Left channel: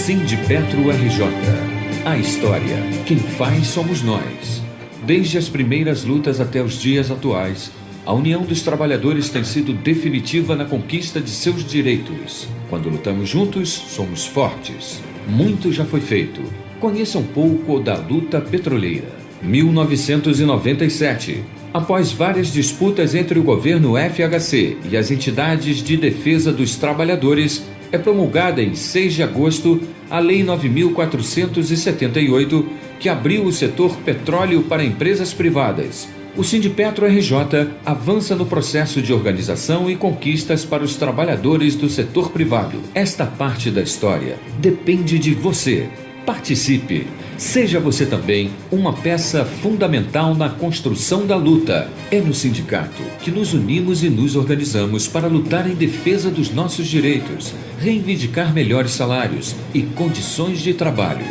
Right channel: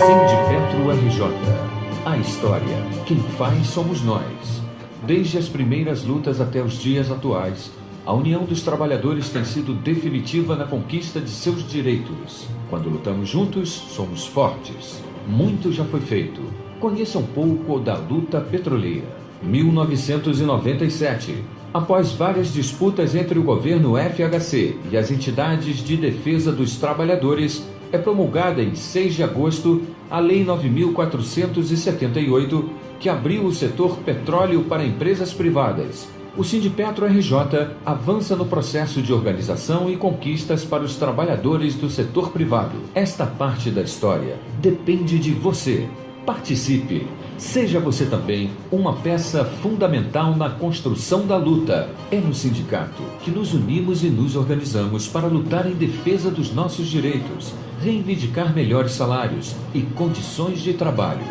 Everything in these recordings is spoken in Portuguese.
Sindipetro RJ. A história, quem faz somos nós. Desde as primeiras lutas até os dias atuais, a união dos trabalhadores tem sido definitiva na conquista de seus direitos. Quando lutamos juntos, somos fortes. Muito já foi feito. Conheça um pouco da luta petroleira. 1997. Após várias disputas entre o governo FHC e as entidades de defesa dos trabalhadores, é promulgada em 6 de agosto a Lei 9.478, que abriu o setor petróleo para empresas privadas. O Sindipetro RJ avança no processo de organização e conquistas para os trabalhadores do setor privado. Esta parte da história depende de você. Participe. Seja você também uma peça fundamental na construção da luta. É no sindicato que nos unimos e nos organizamos para lutar em defesa dos nossos direitos, reivindicar melhores salários e condições de trabalho.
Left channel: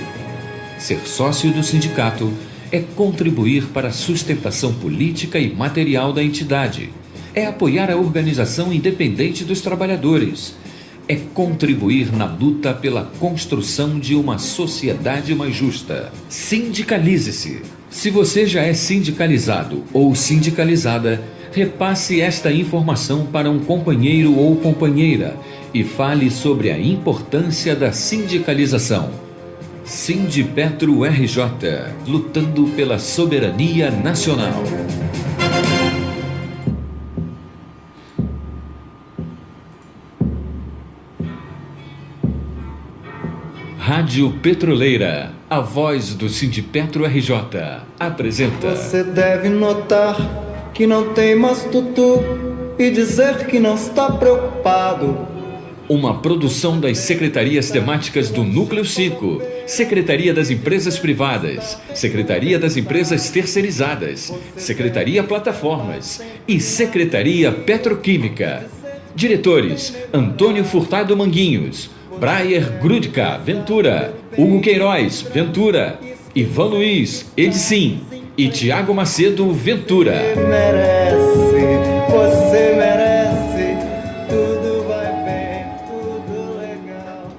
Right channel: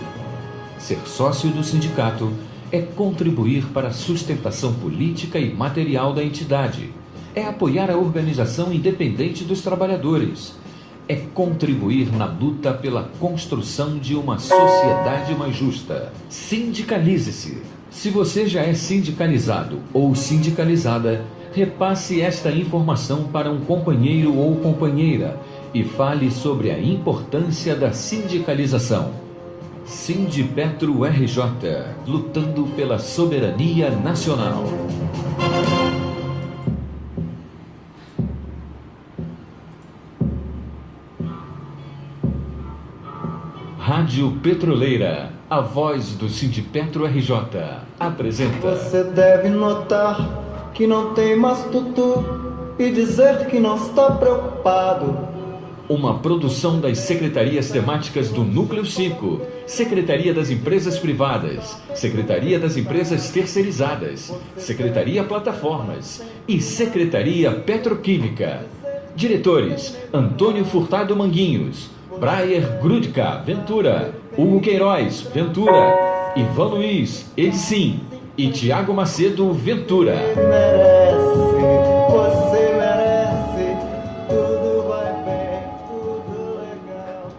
Ser sócio do sindicato é contribuir para a sustentação política e material da entidade. É apoiar a organização independente dos trabalhadores. É contribuir na luta pela construção de uma sociedade mais justa. Sindicalize-se. Se você já é sindicalizado ou sindicalizada, repasse esta informação para um companheiro ou companheira e fale sobre a importância da sindicalização. Sindipetro RJ, lutando pela soberania nacional. Rádio Petroleira, a voz do Sindipetro RJ, apresenta... Você deve notar que não tem mais tutu e dizer que não está preocupado. Uma produção das secretarias temáticas do Núcleo 5, Secretaria das Empresas Privadas, Secretaria das Empresas Terceirizadas, Secretaria Plataformas e Secretaria Petroquímica. Diretores: Antônio Furtado Manguinhos, Brayer Grudka, Ventura, Hugo Queiroz, Ventura, Ivan Luiz, Edicim e Tiago Macedo, Ventura. Você merece, tudo vai bem, tudo legal.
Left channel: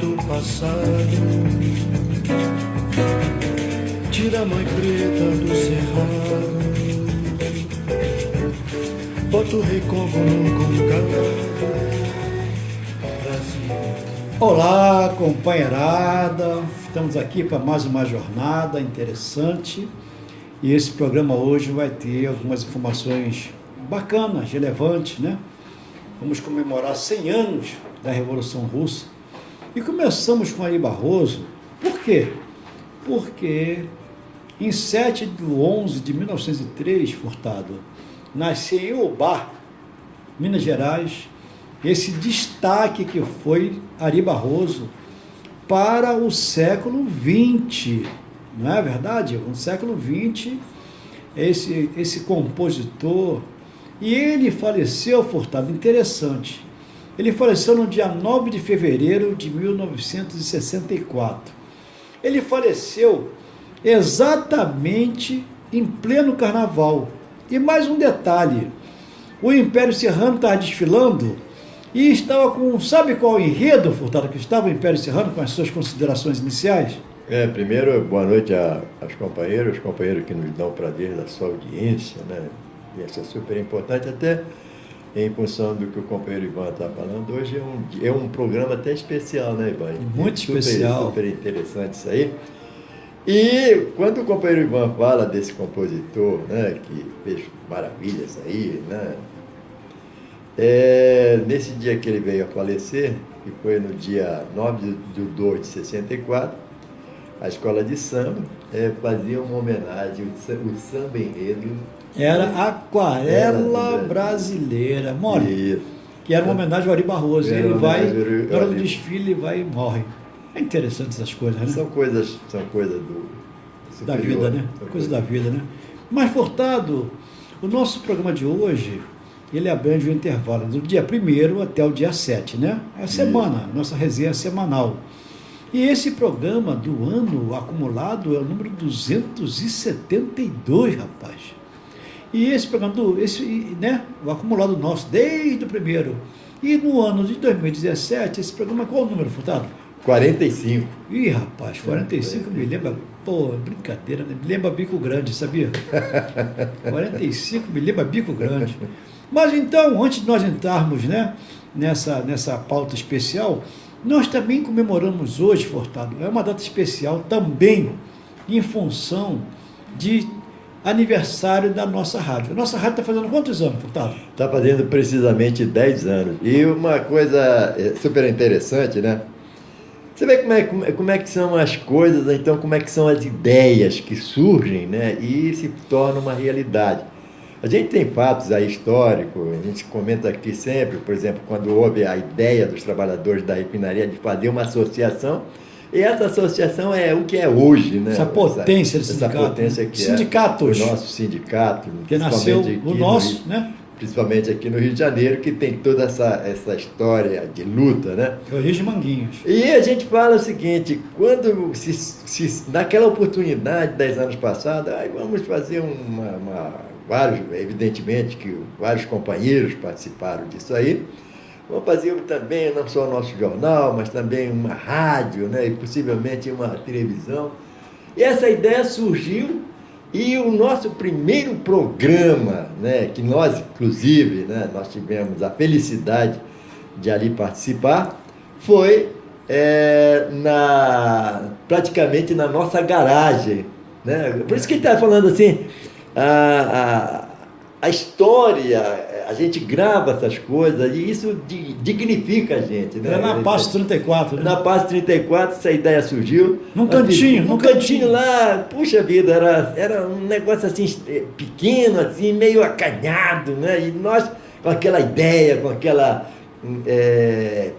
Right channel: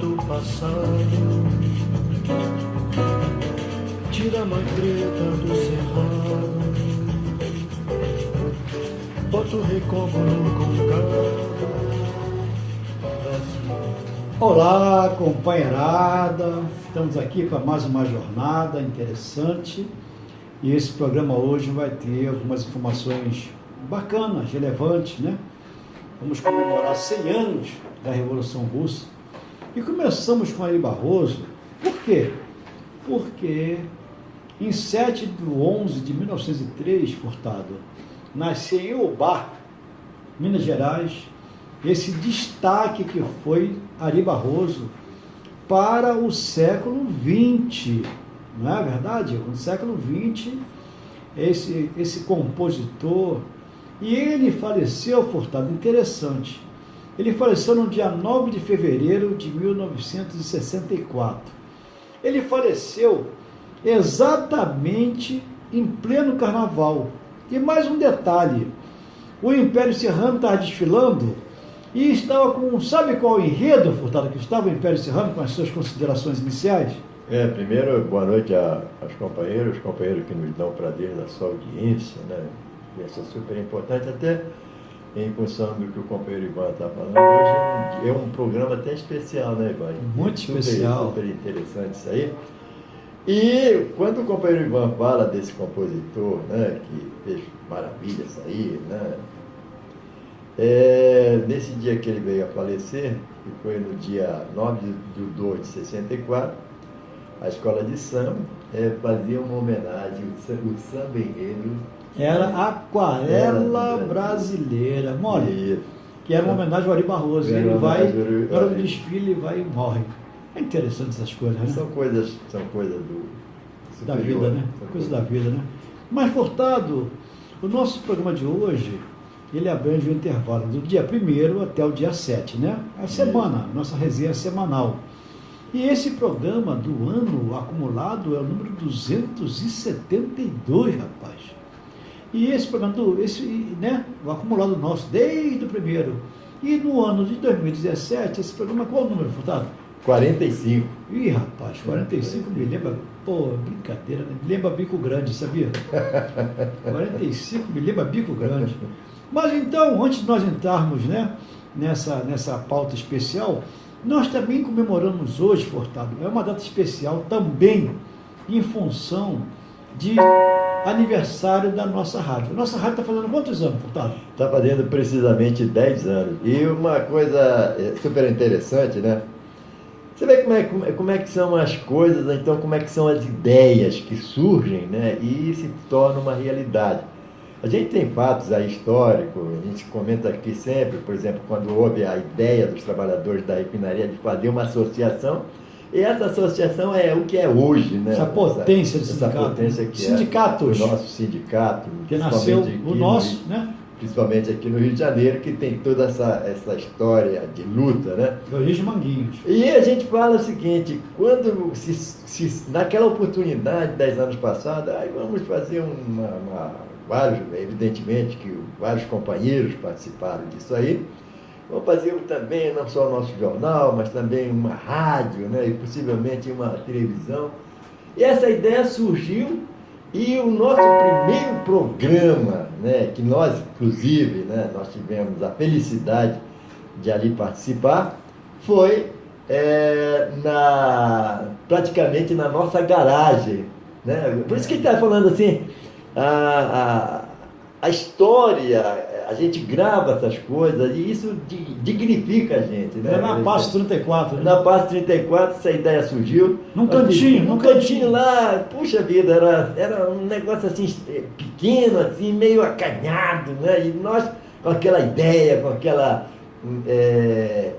Do passado, tira a mãe preta do cerrado, bota o recôncavo no Brasil. Olá, companheirada, estamos aqui para mais uma jornada interessante e esse programa hoje vai ter algumas informações bacanas, relevantes, né? Vamos comemorar 100 anos da Revolução Russa. E começamos com Ari Barroso. Por quê? Porque em 7/11/1903, Furtado, nasceu em Eubá, Minas Gerais, esse destaque que foi Ari Barroso para o século XX, não é verdade? No século XX, esse compositor, e ele faleceu, Furtado, interessante. Ele faleceu no dia 9 de fevereiro de 1964. Ele faleceu exatamente em pleno carnaval. E mais um detalhe, o Império Serrano estava desfilando e estava com, sabe qual enredo, Furtado, que estava o Império Serrano, com as suas considerações iniciais? Primeiro, boa noite aos companheiros que nos dão o prazer da sua audiência, né? E isso é super importante, até em função do que o companheiro Ivan está falando. Hoje é um programa até especial, né, Ivan? Muito especial. Super interessante isso aí. E quando o companheiro Ivan fala desse compositor, né, que fez maravilhas aí, né, nesse dia que ele veio a falecer, que foi no dia 9/2/64, a escola de samba fazia uma homenagem, o samba enredo. Era Aquarela Brasileira, morre. Que era uma homenagem ao Ari Barroso. Ele vai, na hora do desfile, vai e morre. É interessante essas coisas, né? São coisas da vida, né? Coisas da vida, né? Mas, Furtado, O nosso programa de hoje, ele abrange o intervalo do dia 1º até o dia 7, né? É a semana, nossa resenha semanal. E esse programa do ano acumulado é o número 272, rapaz. E esse programa, o acumulado nosso, desde o primeiro. E no ano de 2017, esse programa, qual é o número, Furtado? 45. Ih, rapaz, 45 me lembra, pô, brincadeira, né? Me lembra Bico Grande, sabia? 45 me lembra Bico Grande. Mas então, antes de nós entrarmos, né, nessa pauta especial, nós também comemoramos hoje, Furtado, é uma data especial também em função de aniversário da nossa rádio. A nossa rádio está fazendo quantos anos, Furtado? Está fazendo precisamente 10 anos. E uma coisa super interessante, né? Você vê como é que são as coisas, então como é que são as ideias que surgem, né? E se tornam uma realidade. A gente tem fatos aí históricos, a gente comenta aqui sempre, por exemplo, quando houve a ideia dos trabalhadores da refinaria de fazer uma associação, e essa associação é o que é hoje, né? Essa potência do sindicato. Essa potência que sindicatos. É o nosso sindicato. Que nasceu o nosso, né? Principalmente aqui no Rio de Janeiro, que tem toda essa história de luta, né? Origem Manguinhos. E a gente fala o seguinte, quando naquela oportunidade, 10 anos passados, aí vamos fazer vários, evidentemente que vários companheiros participaram disso aí, vamos fazer também, não só o nosso jornal, mas também uma rádio, né? E possivelmente uma televisão. E essa ideia surgiu. E o nosso primeiro programa, né, que nós, inclusive, né, nós tivemos a felicidade de ali participar, foi praticamente na nossa garagem. Né? Por isso que ele está falando assim, a história, a gente grava essas coisas e isso dignifica a gente. Né? Era na Passo 34. Né? Na Passo 34 essa ideia surgiu. Num cantinho lá, puxa vida, era um negócio assim pequeno, assim, meio acanhado, né? E nós, com aquela ideia, com aquela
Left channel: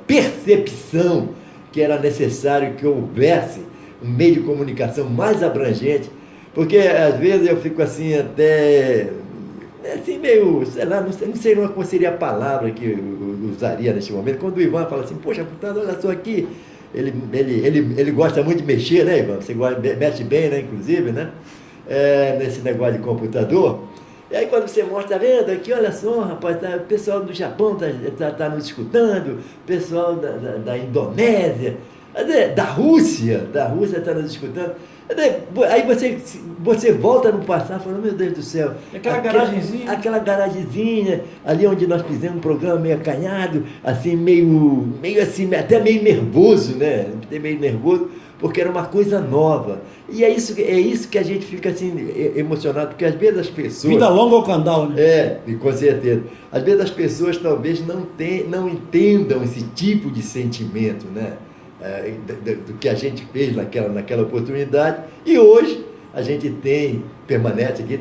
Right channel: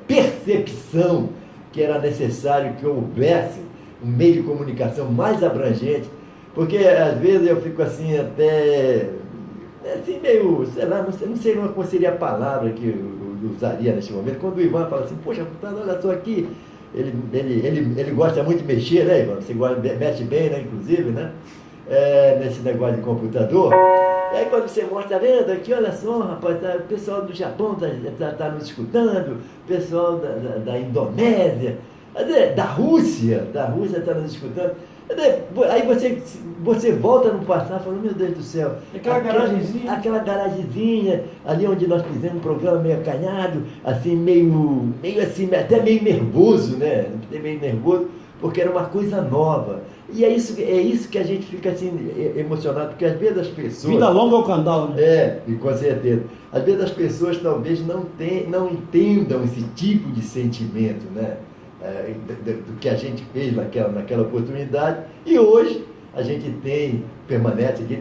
percepção que era necessário que houvesse um meio de comunicação mais abrangente, porque às vezes eu fico assim até... assim meio, sei lá, não sei qual seria a palavra que eu usaria nesse momento, quando o Ivan fala assim, poxa, olha só aqui, ele gosta muito de mexer, né, Ivan? Você mexe bem, né, inclusive, né? Nesse negócio de computador. E aí quando você mostra, tá vendo aqui, olha só, rapaz, o pessoal do Japão tá nos escutando, o pessoal da Indonésia, da Rússia está nos escutando. Aí você volta no passado falando, meu Deus do céu, aquela garagenzinha ali onde nós fizemos um programa meio acanhado, assim, meio assim, até meio nervoso, né? Até meio nervoso, porque era uma coisa nova. E é isso que a gente fica assim emocionado, porque às vezes as pessoas... Vida longa ao candal, né? Com certeza. Às vezes as pessoas talvez não entendam esse tipo de sentimento, né? Do que a gente fez naquela oportunidade, e hoje a gente permanece aqui,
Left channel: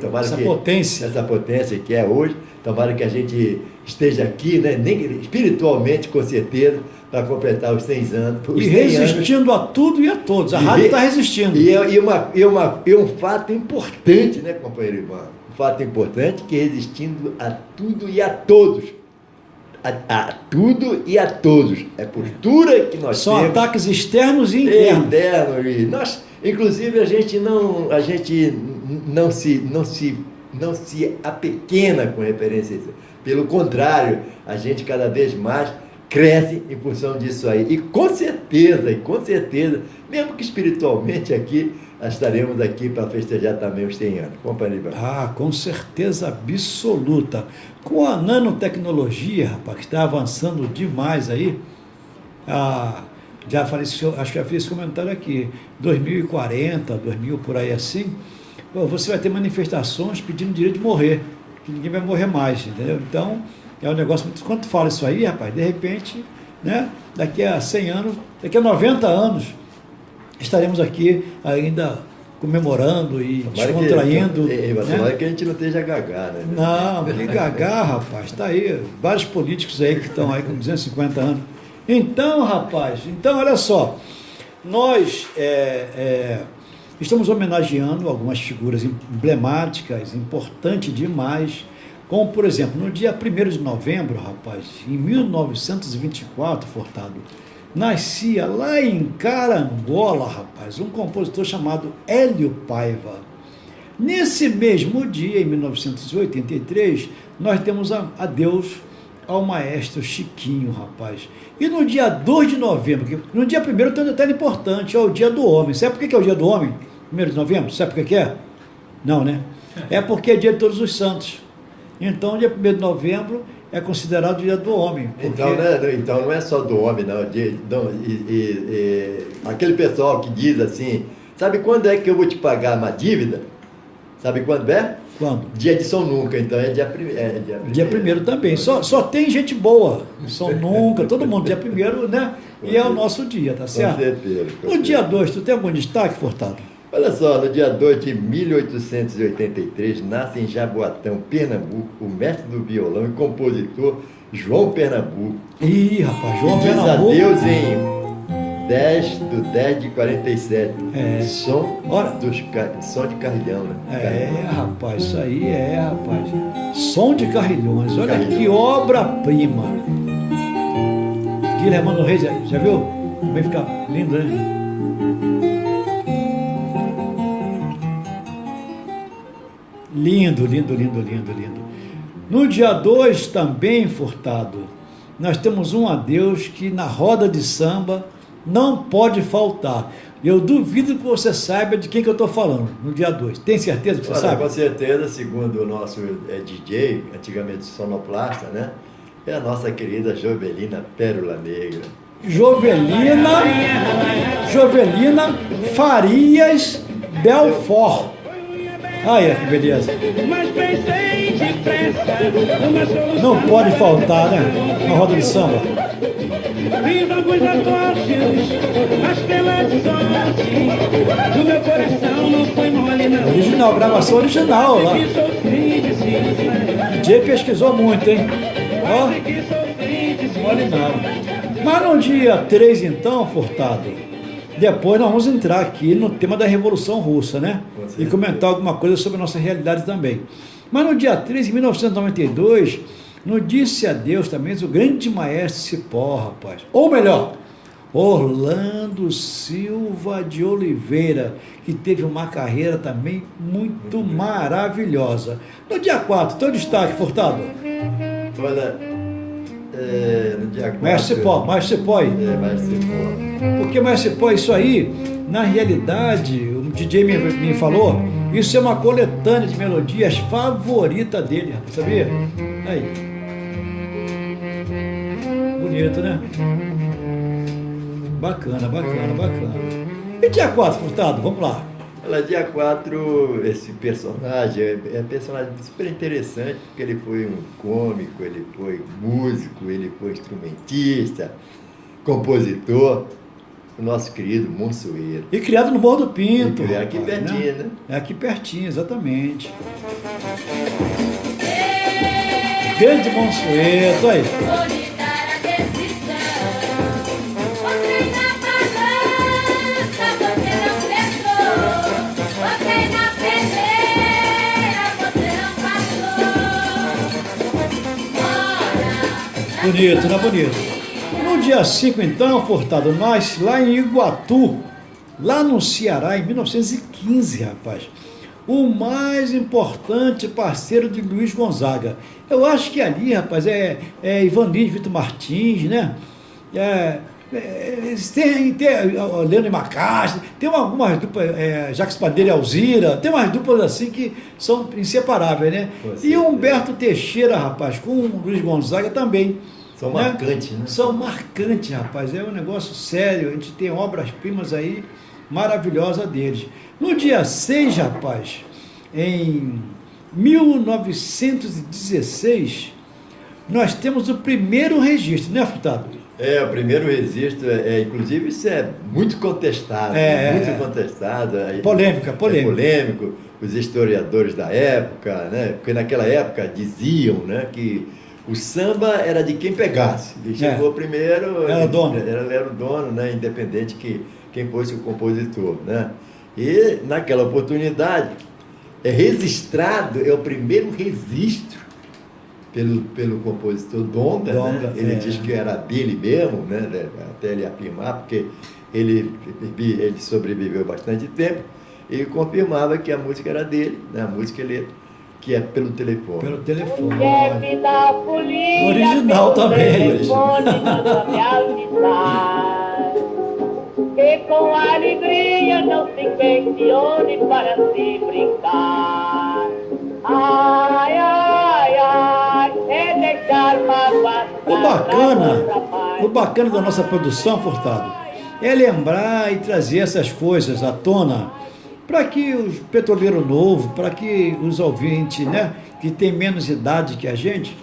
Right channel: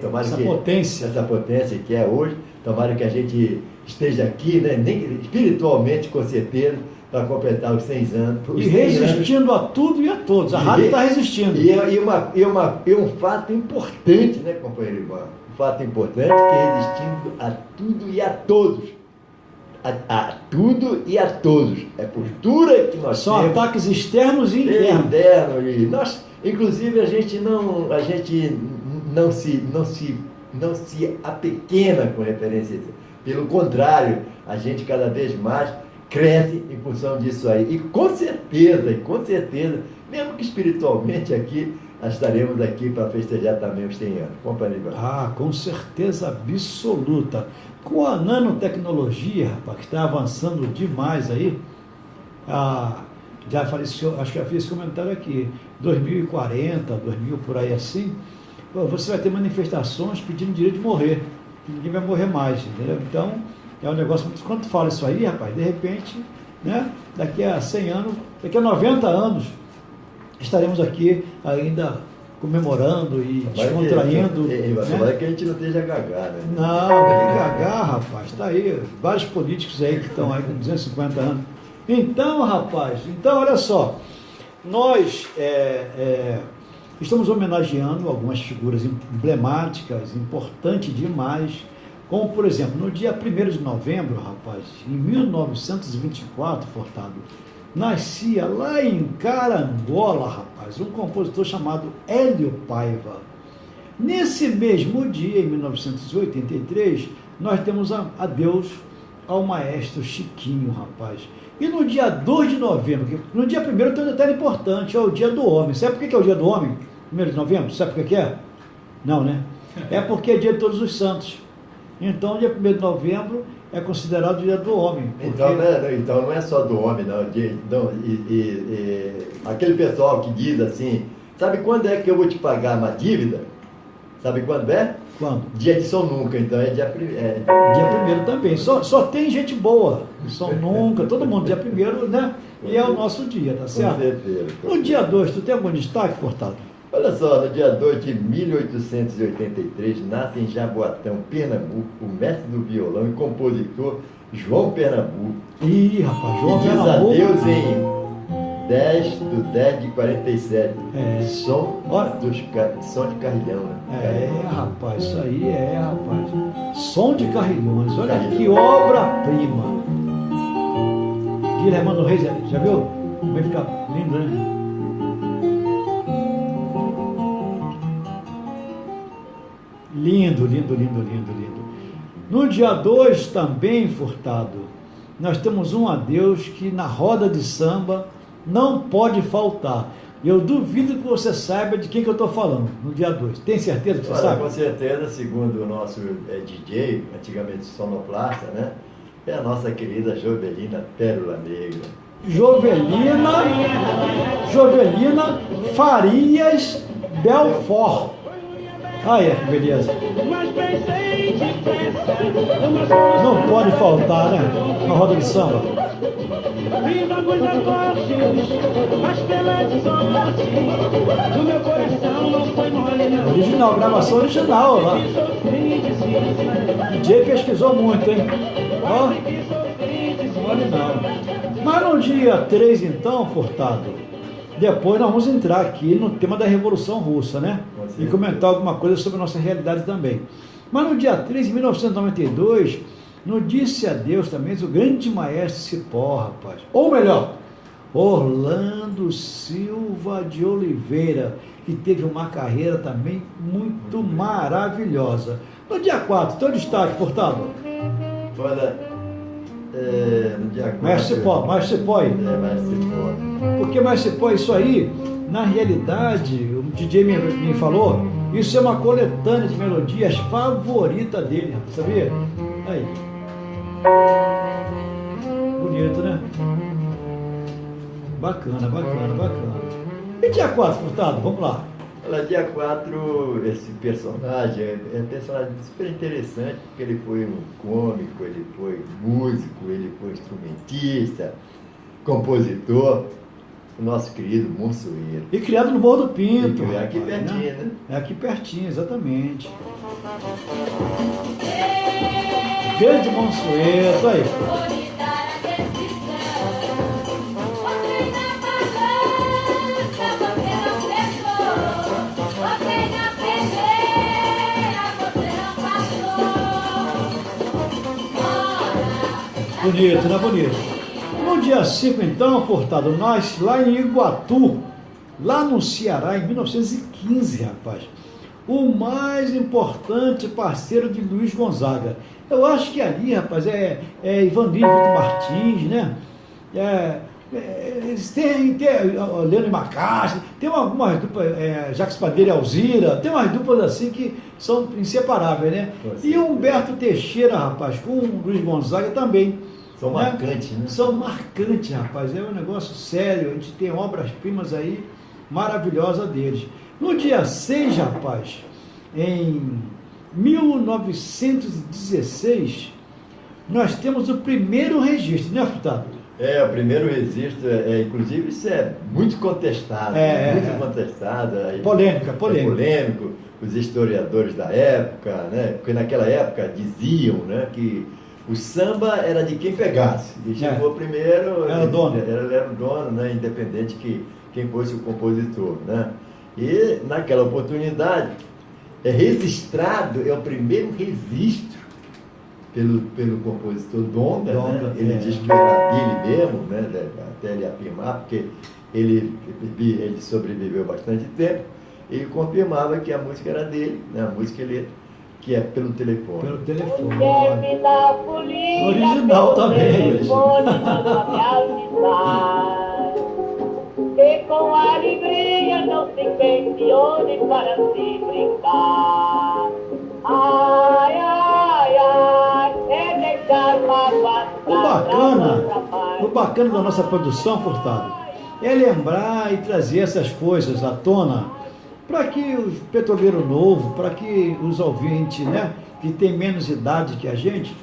essa potência que é hoje, tomara que a gente esteja aqui, né, nem espiritualmente, com certeza, para completar os 100 anos. E resistindo a tudo e a todos, a rádio está resistindo. E um fato importante, né, companheiro Ivan, um fato importante que é resistindo a tudo e a todos. A tudo e a todos. É a postura que nós São temos. ataques externos e internos. E nós, inclusive, a gente não se apequena com referência a isso. Pelo contrário, a gente cada vez mais cresce em função disso aí. E com certeza, mesmo que espiritualmente aqui, nós estaremos aqui para festejar também os 100 anos. Companheiro. Com certeza absoluta. Com a nanotecnologia, rapaz, que está avançando demais aí, já falei, acho que já fiz esse comentário aqui, 2040, 2000, por aí assim, você vai ter manifestações pedindo direito de morrer, que ninguém vai morrer mais, entendeu? Então, é um negócio, quando tu fala isso aí, rapaz, de repente, né, daqui a 100 anos, daqui a 90 anos, estaremos aqui ainda comemorando e descontraindo. Tomara que a gente não esteja gagá, né? Não, nem gagá, rapaz. Está aí, vários políticos aí que estão aí com 250 anos. Então, rapaz, olha só, nós estamos homenageando algumas figuras emblemáticas, importantes demais, Como, por exemplo, no dia 1º de novembro, rapaz, em 1924, Furtado, nascia lá em Carangola, rapaz, um compositor chamado Hélio Paiva. Nesse mesmo dia, em 1983, nós temos adeus ao maestro Chiquinho, rapaz. E no dia 2 de novembro, no dia 1º tem um detalhe importante, é o dia do homem. Sabe por que é o dia do homem? 1º de novembro? Sabe por que é? Não, né? É porque é dia de Todos os Santos. Então, o dia 1º de novembro é considerado o dia do homem. Porque... Então não é só do homem, não. Aquele pessoal que diz assim, sabe quando é que eu vou te pagar uma dívida? Sabe quando é? Quando? Dia de São Nunca, então é dia 1º. Dia 1º também. Só tem gente boa. São Nunca, todo mundo dia 1º, né? E é o nosso dia, tá certo? Com certeza. No dia 2, tu tem algum destaque, Furtado? Olha só, no dia 2 de 1883, nasce em Jaboatão, Pernambuco, o mestre do violão e compositor João Pernambuco. Ih, rapaz, João diz Pernambuco. adeus em 10 de 47. É. Som de carrilhão, né? É, rapaz, isso aí rapaz. Som de Carrilhões, olha que obra-prima. Guilherme Reis, já viu? Vai ficar lindo, né? Lindo, lindo, lindo, lindo, lindo. No dia 2 também, Furtado, nós temos um adeus que na roda de samba não pode faltar. Eu duvido que você saiba de quem que eu estou falando no dia 2. Tem certeza que você sabe? Com certeza, segundo o nosso DJ, antigamente sonoplasta, né? É a nossa querida Jovelina Pérola Negra. Jovelina Farias Belfort. Olha que beleza. Não pode faltar, né? Uma roda de samba. Original, gravação original lá. DJ pesquisou muito, hein? Ó, não vale nada. Mas no dia 3, então, Furtado, depois nós vamos entrar aqui no tema da Revolução Russa, né? E comentar alguma coisa sobre a nossa realidade também. Mas no dia 3, em 1992, no Disse Adeus também o grande maestro Cipó, rapaz. Ou melhor, Orlando Silva de Oliveira, que teve uma carreira também muito maravilhosa. No dia 4, teu destaque, Furtado? Olha, no dia 4... Maestro Cipó aí. Maestro Cipó. Porque Maestro Cipó, isso aí, na realidade, o DJ me falou, isso é uma coletânea de melodias favorita dele, sabia? Aí. Bonito, né? Bacana. E dia 4, Furtado, vamos lá. Olha, dia 4, esse personagem é um personagem super interessante, porque ele foi um cômico, ele foi músico, ele foi instrumentista, compositor, o nosso querido Monsueiro. E criado no Morro do Pinto. É aqui pertinho, né? É aqui pertinho, exatamente. Grande Monsueiro, aí. Bonito, né? Bonito. No dia 5, então, Furtado, nós lá em Iguatu, lá no Ceará, em 1915, rapaz, o mais importante parceiro de Luiz Gonzaga. Eu acho que ali, rapaz, é Ivanildo Vitor Martins, né? Tem Leandro Macastro, tem algumas duplas, Jacques Padeiro e Alzira, tem umas duplas assim que são inseparáveis, né? E Humberto Teixeira, rapaz, com o Luiz Gonzaga também. São marcantes, né? São marcantes, rapaz, é um negócio sério, a gente tem obras-primas aí maravilhosas deles. No dia 6, rapaz, em 1916, nós temos o primeiro registro, né, Furtado? O primeiro registro, inclusive isso é muito contestado, contestado. Polêmico. Os historiadores da época, né? Porque naquela época diziam, né, que o samba era de quem pegasse. Ele chegou primeiro, era o dono, né, independente que quem fosse o compositor, né? E naquela oportunidade é o primeiro registro pelo compositor Donga, né? Ele diz que era dele mesmo, né? Até ele afirmar, porque ele sobreviveu bastante tempo, e confirmava que a música era dele, né? A música que é pelo telefone. Pelo telefone. Original também. E com alegria não se questione para se brincar. Ai, ai, ai, é deixar mágoas. O bacana da nossa produção, Furtado, é lembrar e trazer essas coisas à tona para que o petroleiro novo, para que os ouvintes, né, que têm menos idade que a gente,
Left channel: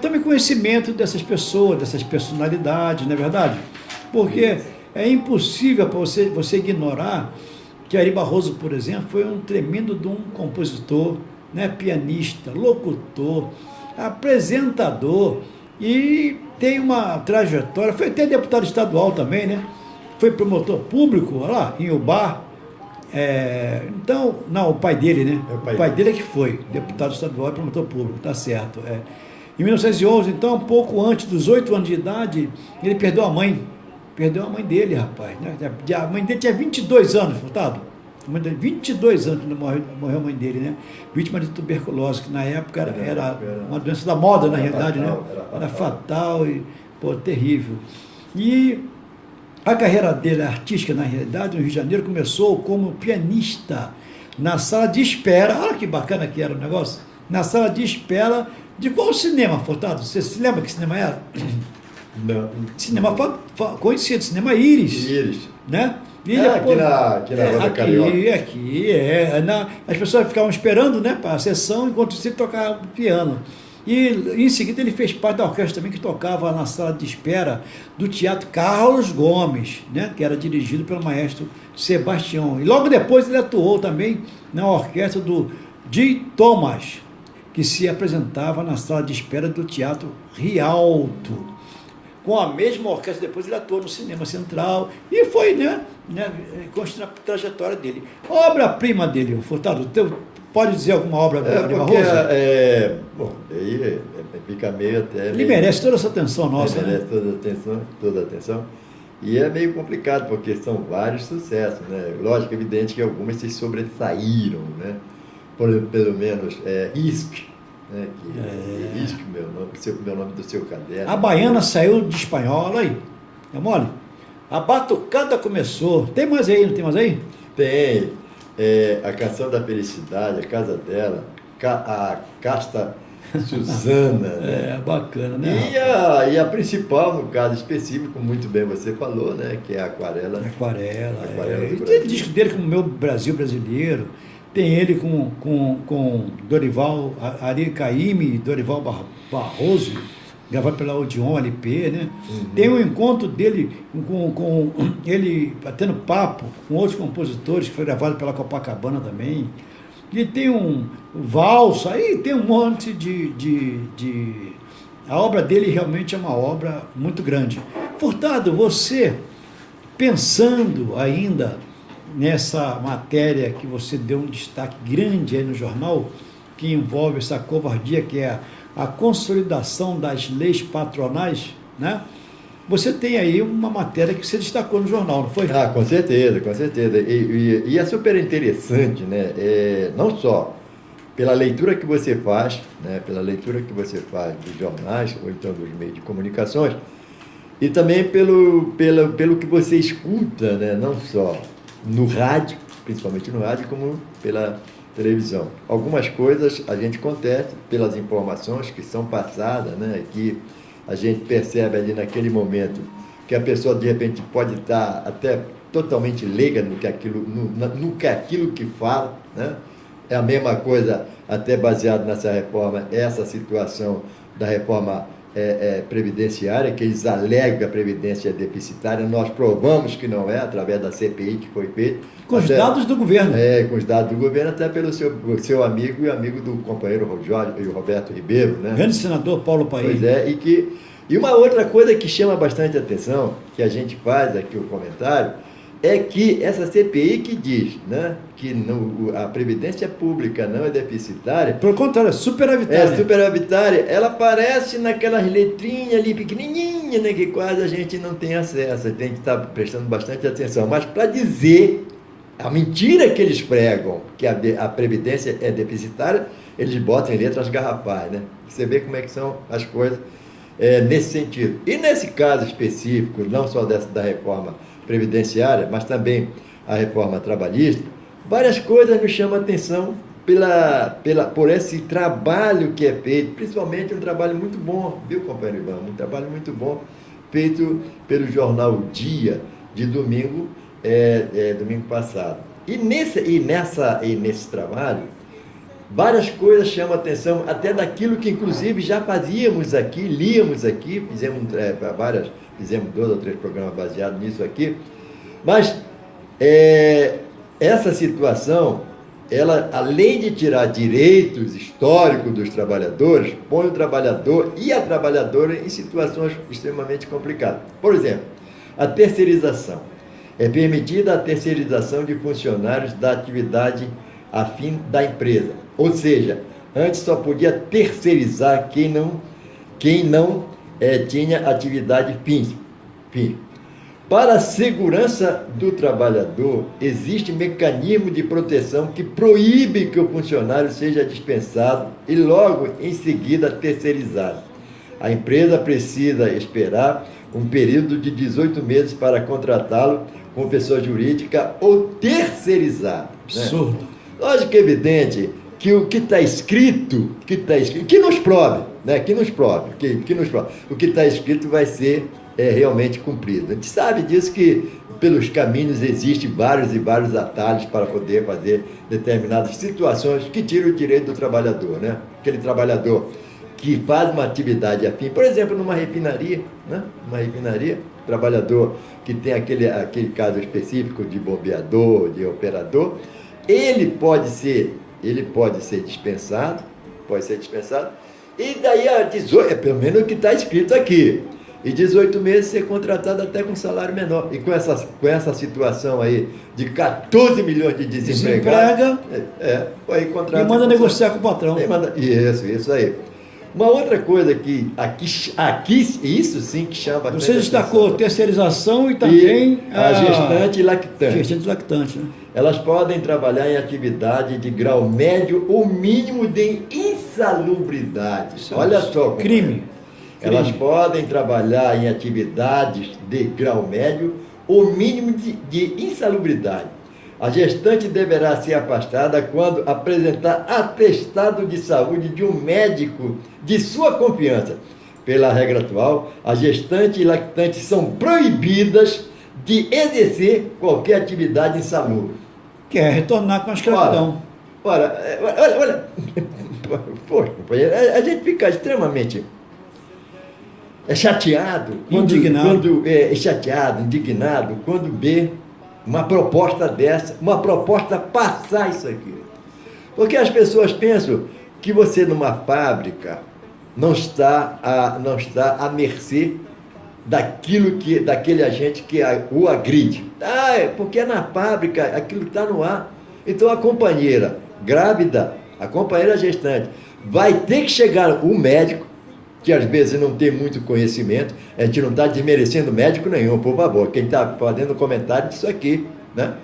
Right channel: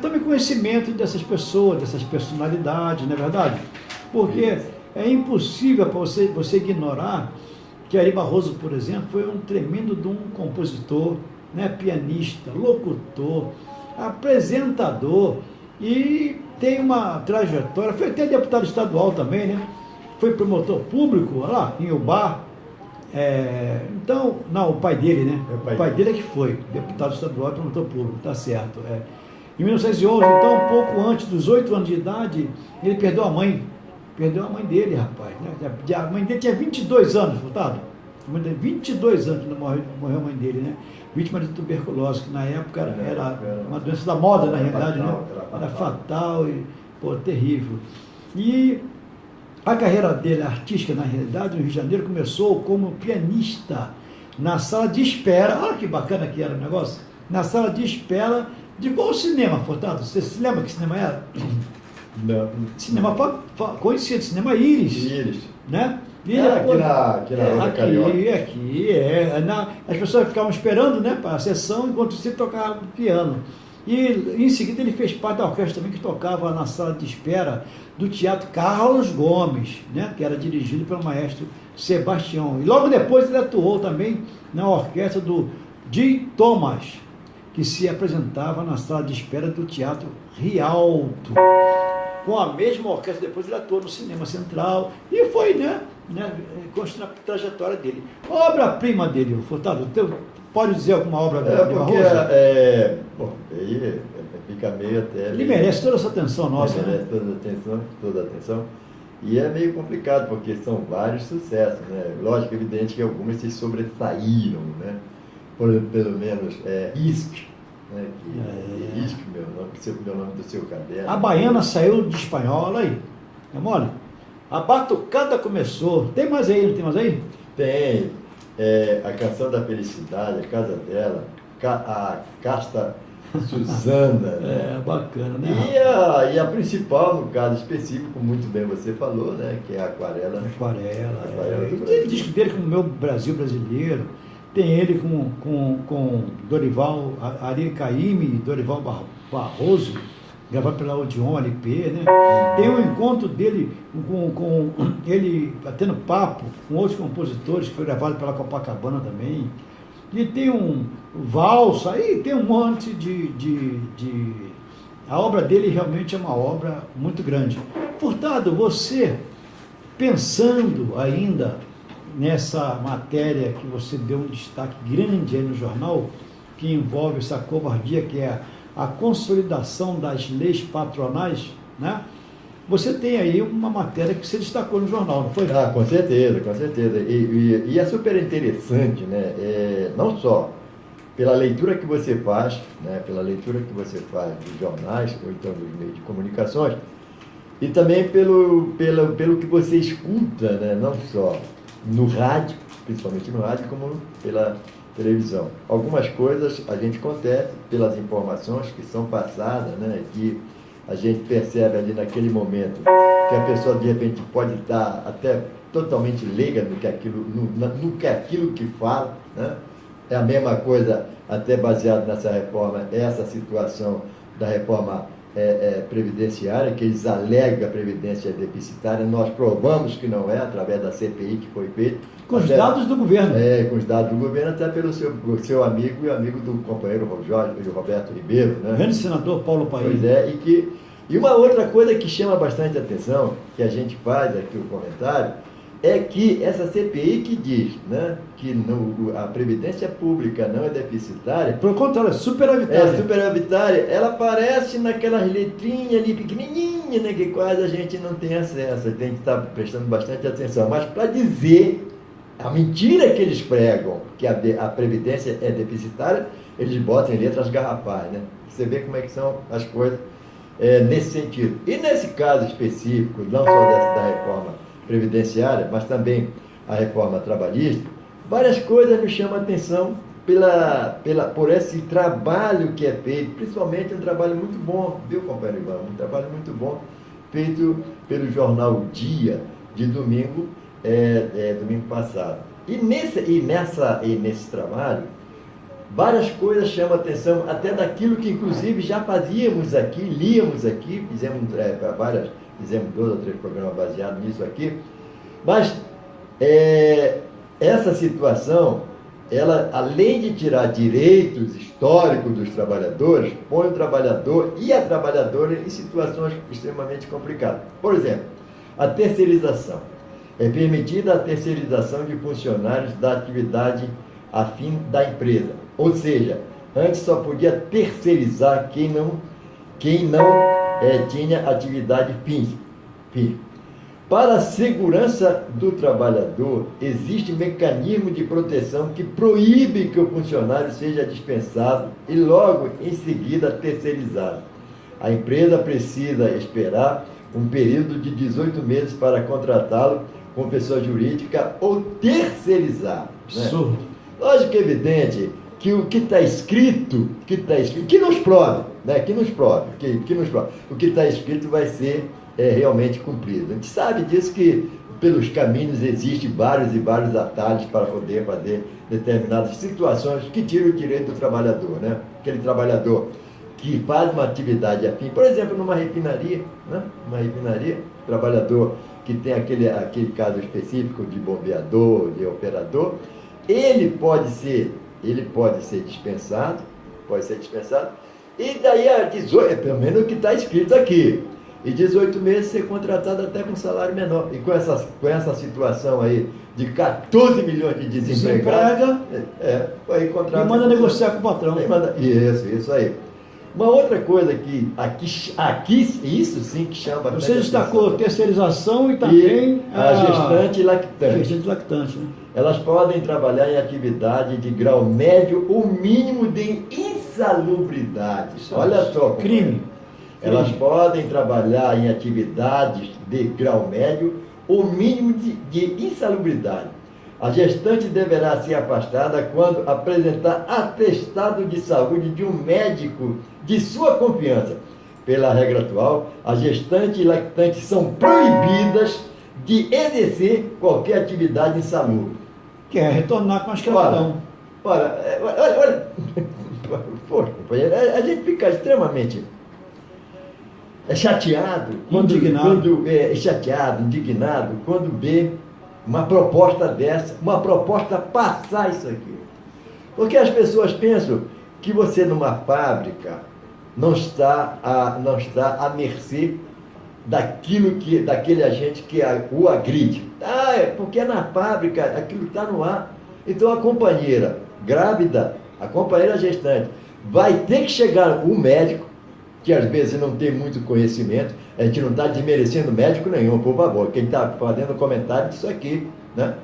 tome conhecimento dessas pessoas, dessas personalidades, não é verdade? Porque é impossível para você ignorar que Ari Barroso, por exemplo, foi um tremendo de um compositor, né, pianista, locutor, apresentador, e tem uma trajetória, foi até deputado estadual também, né? Foi promotor público lá em Ubá. Então, não, o pai dele, né? O pai dele é que foi deputado estadual e promotor público, tá certo. Em 1911, então, um pouco antes dos 8 anos de idade, ele perdeu a mãe. Perdeu a mãe dele, rapaz. Né? A mãe dele tinha 22 anos, Furtado. 22 anos quando morreu a mãe dele, né? Vítima de tuberculose, que na época era uma doença da moda, na realidade, né? Era fatal e, pô, terrível. E a carreira dele artística, na realidade, no Rio de Janeiro, começou como pianista na sala de espera. Olha que bacana que era o negócio. Na sala de espera de qual cinema, Furtado? Você se lembra que cinema era? Não. Cinema conhecido, cinema Íris. Né? E depois, aqui na Rua Carioca. Aqui. As pessoas ficavam esperando, né, para a sessão, enquanto você tocava piano. E em seguida ele fez parte da orquestra também, que tocava na sala de espera do Teatro Carlos Gomes, né, que era dirigido pelo maestro Sebastião. E logo depois ele atuou também na orquestra do Di Thomas, que se apresentava na sala de espera do Teatro Rialto. Com a mesma orquestra, depois ele atuou no Cinema Central e foi, né construindo a trajetória dele. Obra-prima dele, Furtado, pode dizer alguma obra de Barroso? Bom, aí fica meio até... Ele merece toda essa atenção nossa, merece toda a atenção. E é meio complicado, porque são vários sucessos, né? Lógico, evidente que algumas se sobressaíram, né? Pelo menos, ISC, né? ISC, meu nome do seu caderno. A Baiana saiu de espanhol, olha aí, é mole? A Batucada começou, tem mais aí, não tem mais aí? Tem, a Canção da Felicidade, a casa dela, a Casta Suzana, né? Bacana, né? E a principal, no caso específico, muito bem você falou, né? Que é a Aquarela. Aquarela do tem disco dele como Meu Brasil Brasileiro, tem ele com Dorival, Ari Caymmi e Dorival Barroso, gravado pela Odeon LP, né? Tem um encontro dele com ele batendo papo com outros compositores, que foi gravado pela Copacabana também. E tem um valsa, aí tem um monte A obra dele realmente é uma obra muito grande. Furtado, você, pensando ainda nessa matéria que você deu um destaque grande aí no jornal, que envolve essa covardia, que é a consolidação das leis patronais, né? Você tem aí uma matéria que você destacou no jornal, não foi? Com certeza, com certeza. E é super interessante, né? Não só pela leitura que você faz, né? Pela leitura que você faz dos jornais, ou então dos meios de comunicações, e também pelo que você escuta, né? Não só no rádio, principalmente no rádio, como pela televisão. Algumas coisas a gente contesta pelas informações que são passadas, né? Que a gente percebe ali naquele momento que a pessoa de repente pode estar até totalmente leiga no que aquilo que fala, né? É a mesma coisa, até baseado nessa reforma, essa situação da reforma previdenciária, que eles alegam que a Previdência é deficitária. Nós provamos que não é, através da CPI que foi feita. Com os dados do governo. Com os dados do governo, até pelo seu amigo e amigo do companheiro Roberto Ribeiro, né? Grande senador Paulo Paim. Pois é, e uma outra coisa que chama bastante atenção, que a gente faz aqui o comentário, é que essa CPI que diz, né, que a Previdência Pública não é deficitária. Pelo contrário, é superavitária. É superavitária, ela aparece naquelas letrinhas ali pequenininhas, né, que quase a gente não tem acesso, tem que estar prestando bastante atenção. Mas para dizer a mentira que eles pregam, que a Previdência é deficitária, eles botam em letras garrafais, né? Você vê como é que são as coisas nesse sentido. E nesse caso específico, não só da reforma previdenciária, mas também a reforma trabalhista, várias coisas nos chamam a atenção por esse trabalho que é feito, principalmente um trabalho muito bom, viu, companheiro Ivan? Um trabalho muito bom feito pelo jornal Dia, de domingo passado. E nesse trabalho, várias coisas chamam a atenção, até daquilo que inclusive já fazíamos aqui, líamos aqui, fizemos 2 ou 3 programas baseados nisso aqui, mas essa situação, ela, além de tirar direitos históricos dos trabalhadores, põe o trabalhador e a trabalhadora em situações extremamente complicadas. Por exemplo, a terceirização. É permitida a terceirização de funcionários da atividade afim da empresa. Ou seja, antes só podia terceirizar quem não tinha atividade fim. Para a segurança do trabalhador, existe mecanismo de proteção que proíbe que o funcionário seja dispensado e logo em seguida terceirizado. A empresa precisa esperar um período de 18 meses para contratá-lo com pessoa jurídica ou terceirizar. Absurdo. Né? Lógico que é evidente que o que está escrito, que nos prove, né? Que nos prove. O que está escrito vai ser realmente cumprido. A gente sabe disso, que pelos caminhos existem vários e vários atalhos para poder fazer determinadas situações que tiram o direito do trabalhador, né? Aquele trabalhador que faz uma atividade afim, por exemplo, numa refinaria, né? Uma refinaria, trabalhador que tem aquele caso específico de bombeador, de operador, ele pode ser dispensado, e daí a 18, pelo menos o que está escrito aqui, e 18 meses ser contratado até com salário menor. E com essa situação aí de 14 milhões de desempregados, aí contrata. E manda negociar com o patrão. Isso aí. Uma outra coisa que aqui isso sim que chama. Você destacou terceirização e também a gestante e lactante. Gestante e lactante, né? Elas podem trabalhar em atividade de grau médio ou mínimo de insalubridade. Olha só. Crime. Elas podem trabalhar em atividades de grau médio ou mínimo de insalubridade. A gestante deverá ser afastada quando apresentar atestado de saúde de um médico de sua confiança. Pela regra atual, a gestante e lactante são proibidas de exercer qualquer atividade insalubre. Quer retornar com a escravidão. Olha. Poxa, a gente fica extremamente chateado, indignado quando vê uma proposta dessa, uma proposta passar isso aqui. Porque as pessoas pensam que você numa fábrica não está à mercê daquele agente que o agride. Porque na fábrica aquilo está no ar. Então a companheira grávida, a companheira gestante, vai ter que chegar o médico, que às vezes não tem muito conhecimento. A gente não está desmerecendo médico nenhum, por favor. Quem está fazendo comentário disso aqui, né?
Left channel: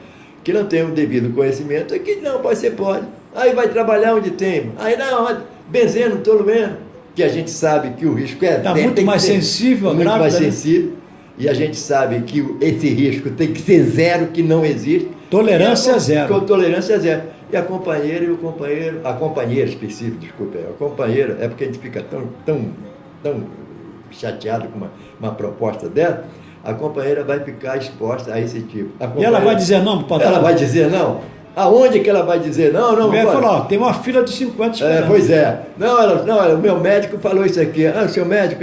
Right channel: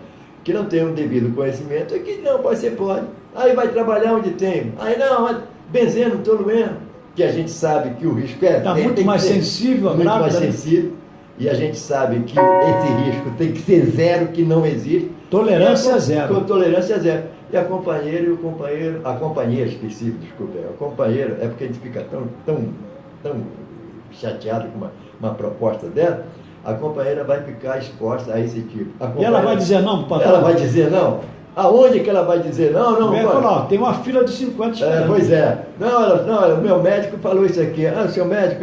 Que não tem o devido conhecimento, que não, pode. Aí vai trabalhar onde tem. Aí não, benzendo, tolueno, que a gente sabe que o risco está muito mais sensível, muito mais sensível. E a gente sabe que esse risco tem que ser zero, que não existe. Tolerância zero. Tolerância zero. E a companheira e o companheiro, a companheira específica, desculpa, a companheira, é porque a gente fica tão chateado com uma proposta dela, a companheira vai ficar exposta a esse tipo. E ela vai dizer não para o patrão? Ela vai dizer não? Aonde que ela vai dizer não? Não, vai falar, tem uma fila de 50 esperando. Pois é. Não, o meu médico falou isso aqui. O seu médico?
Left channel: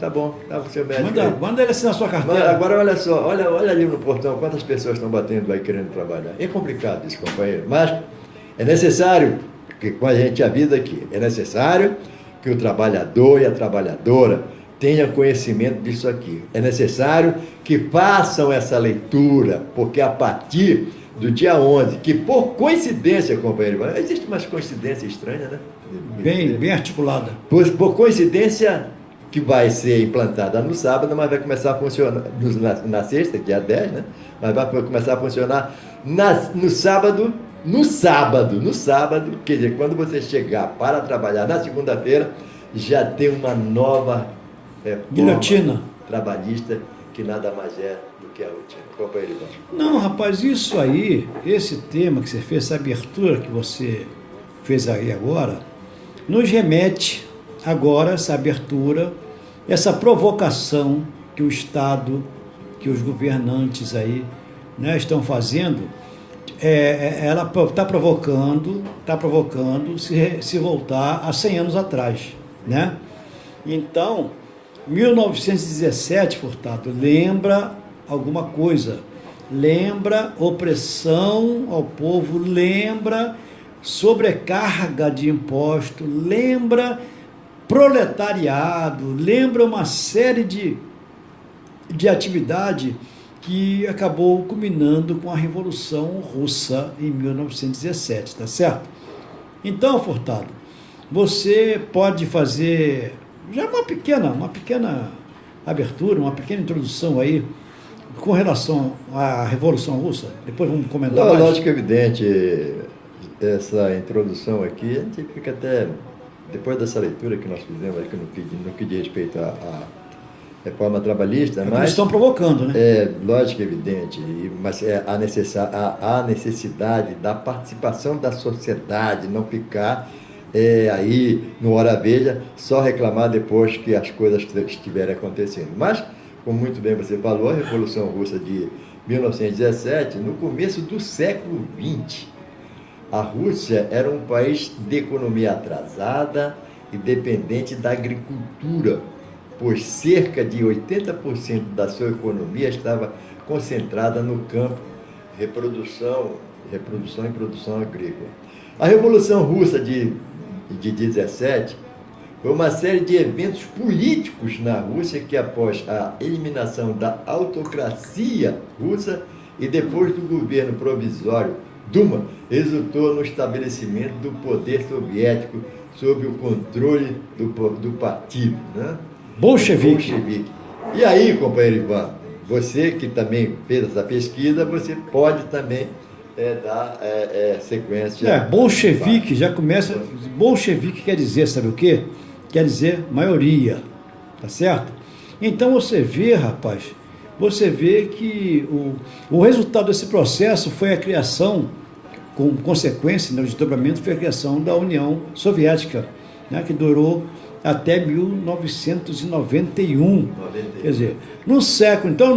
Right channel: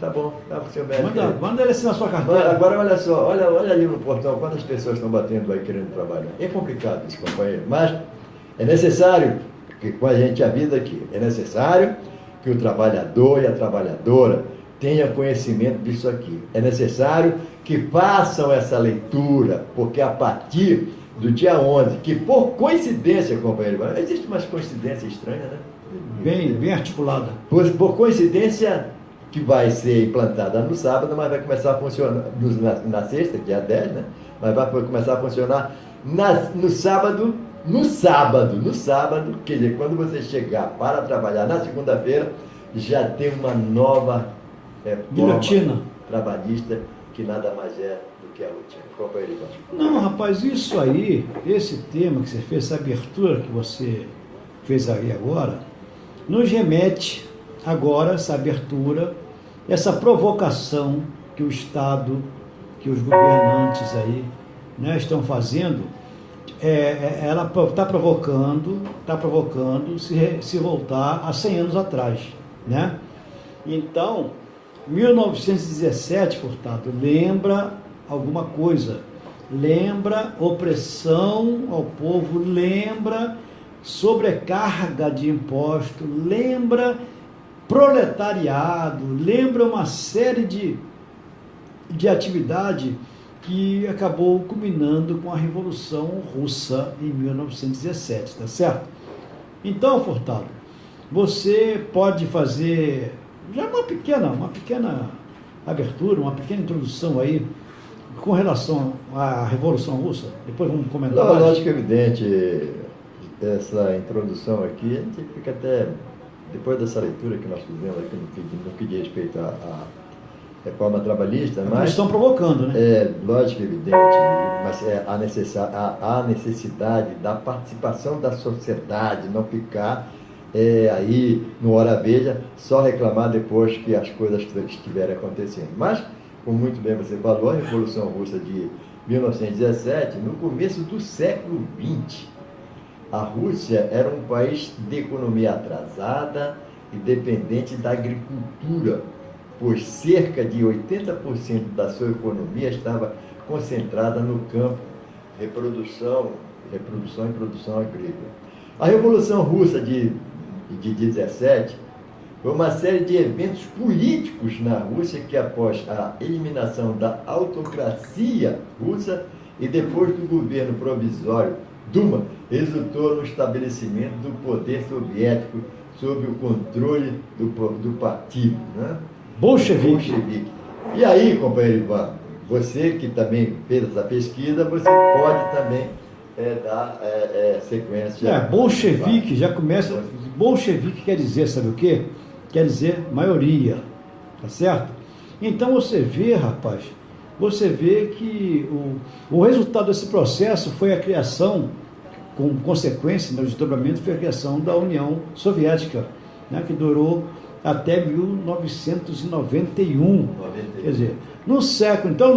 Tá bom, tá o seu médico. Manda ele assinar a sua carteira. Agora olha só, olha ali no portão, quantas pessoas estão batendo aí querendo trabalhar. É complicado isso, companheiro, mas é necessário, que com a gente a vida aqui, é necessário que o trabalhador e a trabalhadora tenham conhecimento disso aqui. É necessário que façam essa leitura, porque a partir do dia 11, que por coincidência, companheiro, existe umas coincidências estranhas, né? Bem articulada. Por coincidência, que vai ser implantada no sábado, mas vai começar a funcionar na sexta, dia 10, né? Mas vai começar a funcionar no sábado, quer dizer, quando você chegar para trabalhar na segunda-feira, já tem uma nova guilhotina trabalhista, que nada mais é do que a rotina. Companheiro Ivan. Não, rapaz, isso aí, esse tema que você fez, essa abertura que você fez aí agora, nos remete agora, essa abertura, essa provocação que o Estado, que os governantes aí, né, estão fazendo, ela está provocando se voltar a 100 anos atrás, né? Então, 1917, Furtado, lembra alguma coisa, lembra opressão ao povo, lembra sobrecarga de imposto, lembra proletariado, lembra uma série de atividade que acabou culminando com a Revolução Russa em 1917, tá certo? Então, Furtado, você pode fazer já uma pequena abertura, uma pequena introdução aí com relação à Revolução Russa. Depois vamos comentar mais. Lógico, evidente, essa introdução aqui, a gente fica até, depois dessa leitura que nós fizemos aqui no que diz respeito à reforma trabalhista, mas estão provocando, né? Lógico, evidente, mas a necessidade da participação da sociedade, não ficar aí no hora veja, só reclamar depois que as coisas estiverem acontecendo. Mas, como muito bem você falou, a Revolução Russa de 1917, no começo do século XX, a Rússia era um país de economia atrasada e dependente da agricultura, pois cerca de 80% da sua economia estava concentrada no campo, reprodução e produção agrícola. A Revolução Russa de 17 foi uma série de eventos políticos na Rússia que, após a eliminação da autocracia russa e depois do governo provisório Duma, resultou no estabelecimento do poder soviético sob o controle do partido, né? Bolchevique. E aí, companheiro Ivan, você que também fez essa pesquisa, você pode também dar sequência. Bolchevique já começa. Bolchevique quer dizer, sabe o quê? Quer dizer maioria, tá certo? Então você vê, rapaz, que o resultado desse processo foi a criação, com consequência, né, o desdobramento foi a criação da União Soviética, né, que durou até 1991. Quer dizer, no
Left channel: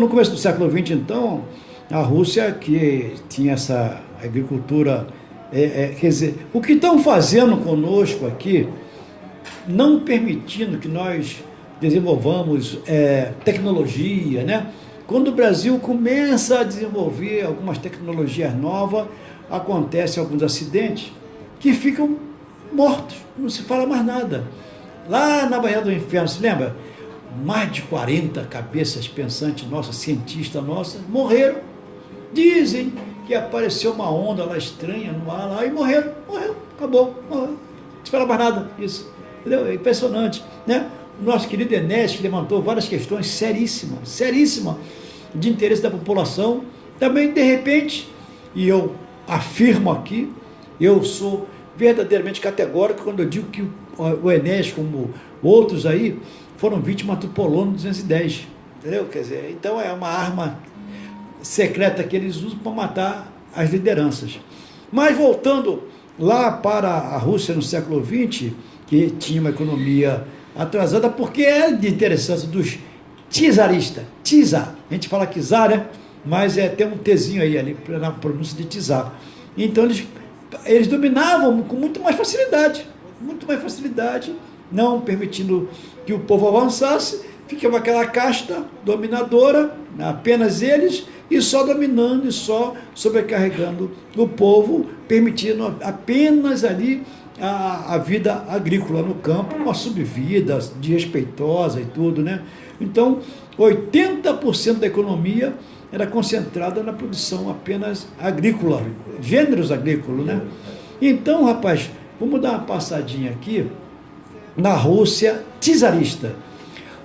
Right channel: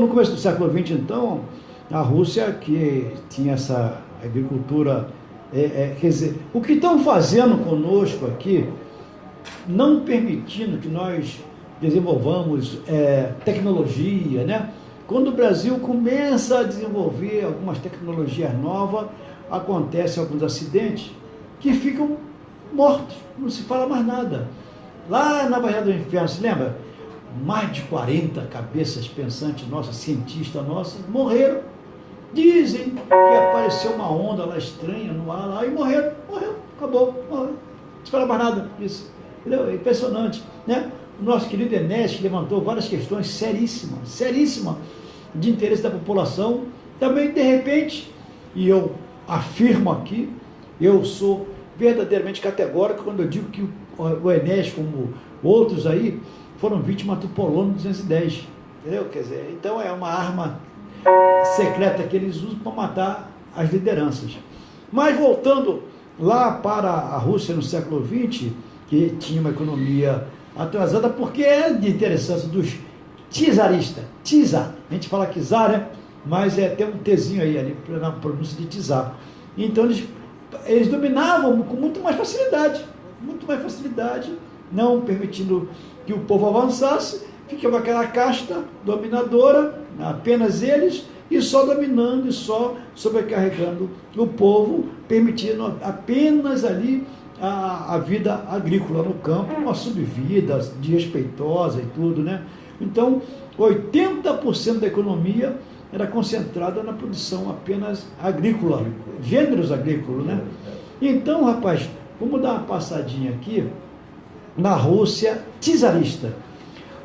começo do século XX, então, a Rússia, que tinha essa agricultura, quer dizer, o que estão fazendo conosco aqui, não permitindo que nós desenvolvamos tecnologia, né? Quando o Brasil começa a desenvolver algumas tecnologias novas, acontecem alguns acidentes que ficam mortos, não se fala mais nada. Lá na Baía do Inferno, se lembra? Mais de 40 cabeças pensantes nossas, cientistas nossas, morreram. Dizem que apareceu uma onda lá estranha no ar lá e morreram, acabou, morreu. Não se fala mais nada disso. Entendeu? É impressionante, né? O nosso querido Enéas, que levantou várias questões seríssimas de interesse da população, também, de repente, e eu afirmo aqui, eu sou verdadeiramente categórico quando eu digo que o Enéas, como outros aí, foram vítimas do Polônio 210, entendeu? Quer dizer, então é uma arma secreta que eles usam para matar as lideranças. Mas voltando lá para a Rússia no século XX, que tinha uma economia atrasada, porque é de interessância dos czaristas, czar, a gente fala que czar, né? Mas tem um Tzinho aí ali na pronúncia de czar. Então eles dominavam com muito mais facilidade, não permitindo que o povo avançasse, ficava aquela casta dominadora, apenas eles, e só dominando e só sobrecarregando o povo, permitindo apenas ali a vida agrícola no campo, uma subvida desrespeitosa e tudo, né? Então, 80% da economia era concentrada na produção apenas agrícola, gêneros agrícolas, né? Então, rapaz, vamos dar uma passadinha aqui na Rússia czarista.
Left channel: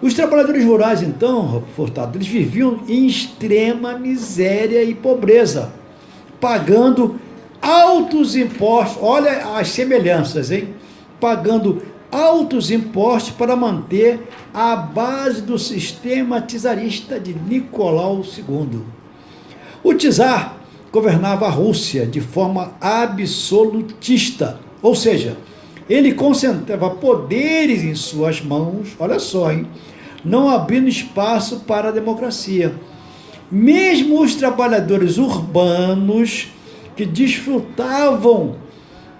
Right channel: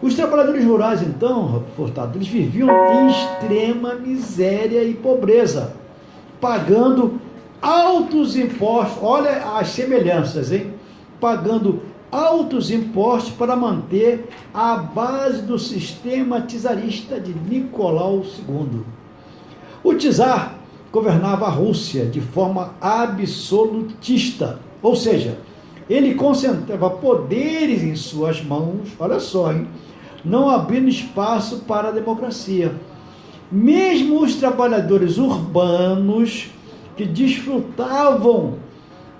Os trabalhadores rurais, então, Furtado, eles viviam em extrema miséria e pobreza, pagando altos impostos, olha as semelhanças, hein? Pagando altos impostos para manter a base do sistema czarista de Nicolau II. O czar governava a Rússia de forma absolutista, ou seja, ele concentrava poderes em suas mãos, olha só, hein? Não abrindo espaço para a democracia. Mesmo os trabalhadores urbanos que desfrutavam,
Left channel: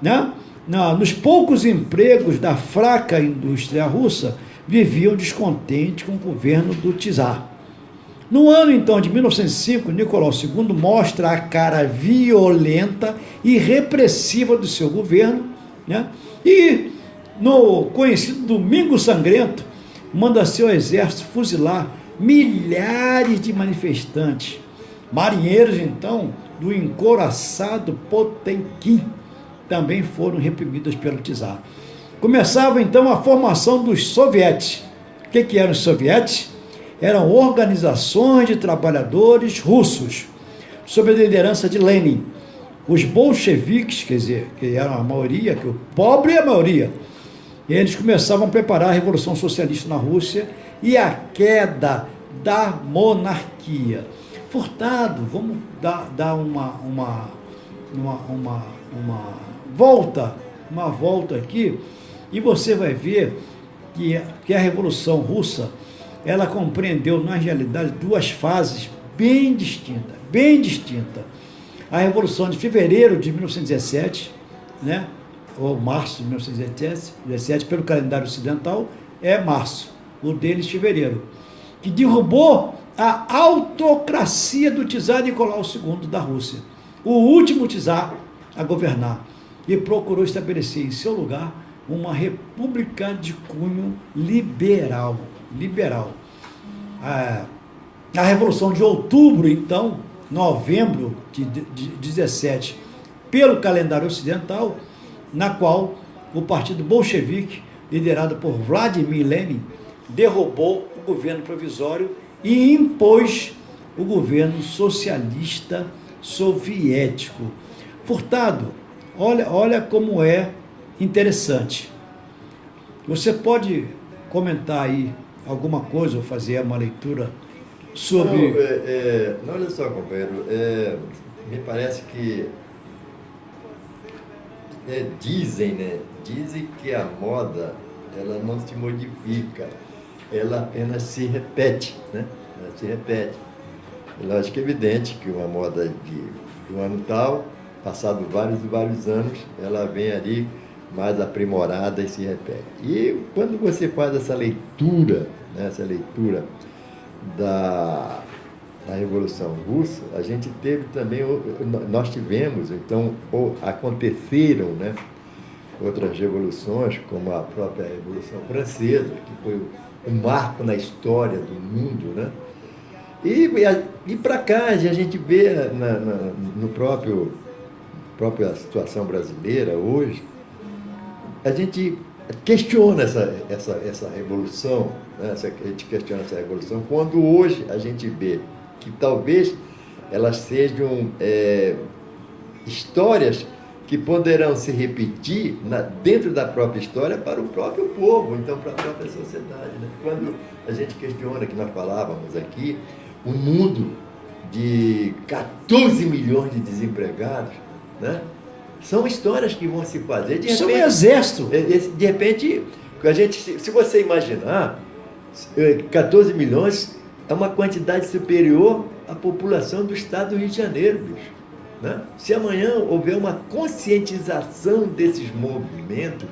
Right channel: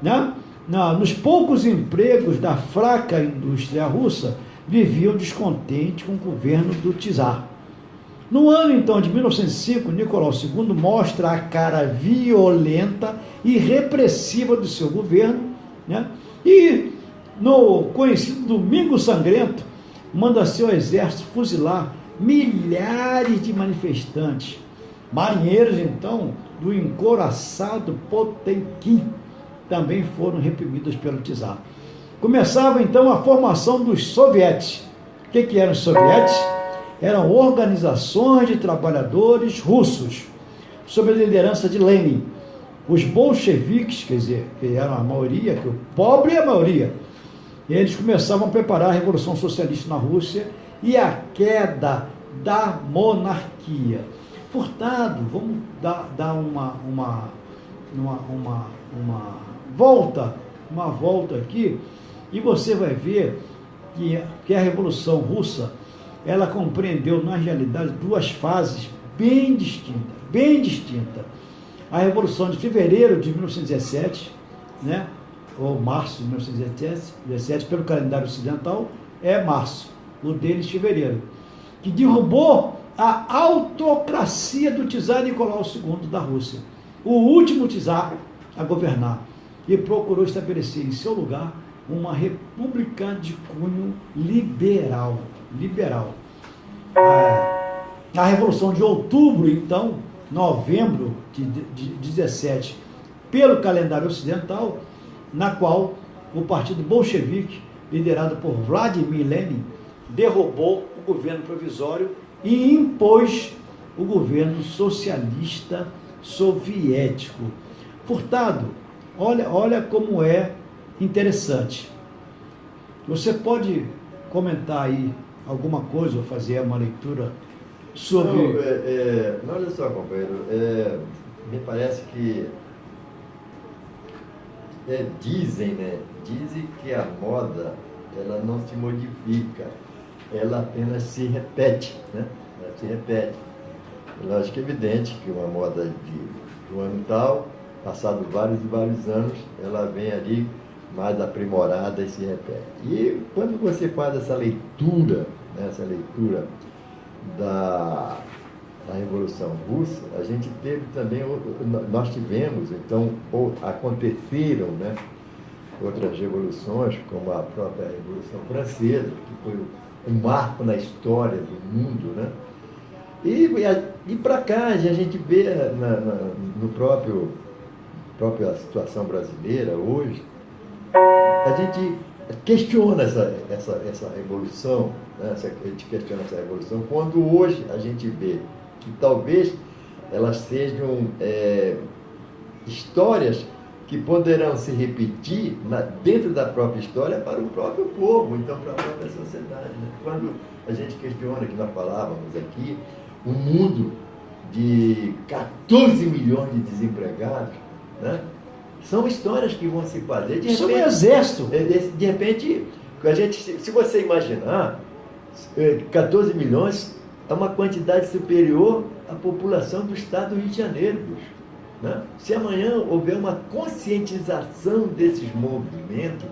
né, nos poucos empregos da fraca indústria russa, viviam descontentes com o governo do czar. No ano, então, de 1905, Nicolau II mostra a cara violenta e repressiva do seu governo, né? E, no conhecido Domingo Sangrento, manda seu exército fuzilar milhares de manifestantes. Marinheiros, então, do encouraçado Potemkin também foram reprimidos pelo czar. Começava, então, a formação dos sovietes. O que eram os sovietes? Eram organizações de trabalhadores russos, sob a liderança de Lenin. Os bolcheviques, quer dizer, que eram a maioria, que o pobre é a maioria, eles começavam a preparar a Revolução Socialista na Rússia e a queda da monarquia. Furtado, vamos dar uma volta aqui, e você vai ver que a Revolução Russa, ela compreendeu, na realidade, duas fases bem distintas. A Revolução de Fevereiro de 1917, né, ou março de 1917, pelo calendário ocidental, é março, o deles fevereiro, que derrubou a autocracia do czar Nicolau II da Rússia, o último czar a governar, e procurou estabelecer em seu lugar uma república de cunho liberal. A Revolução de Outubro, então, novembro de 17, pelo calendário ocidental, na qual o partido bolchevique, liderado por Vladimir Lenin, derrubou o governo provisório e impôs o governo socialista soviético. Furtado, olha como é interessante. Você pode comentar aí alguma coisa ou fazer uma leitura sobre... Não, olha só, companheiro, me parece que dizem que a moda, ela não se modifica, ela apenas se repete, né? Ela se repete. Lógico que é evidente que uma moda de um ano tal, passado vários anos, ela vem ali mais aprimorada e se repete. E quando você faz essa leitura, né, da Revolução Russa, a gente teve também, nós tivemos, então, aconteceram, né, outras revoluções, como a própria Revolução Francesa, que foi um marco na história do mundo, né? E para cá, a gente vê no própria situação brasileira hoje, a gente questiona essa revolução, né? A gente questiona essa revolução, quando hoje a gente vê que talvez elas sejam histórias que poderão se repetir dentro da própria história para o próprio povo, então para a própria sociedade, né? Quando a gente questiona, que nós falávamos aqui, um mundo de 14 milhões de desempregados, né? São histórias que vão se fazer. De repente, isso é um exército. De repente, se você imaginar, 14 milhões é uma quantidade superior à população do estado do Rio de Janeiro, bicho, né? Se amanhã houver uma conscientização desses movimentos,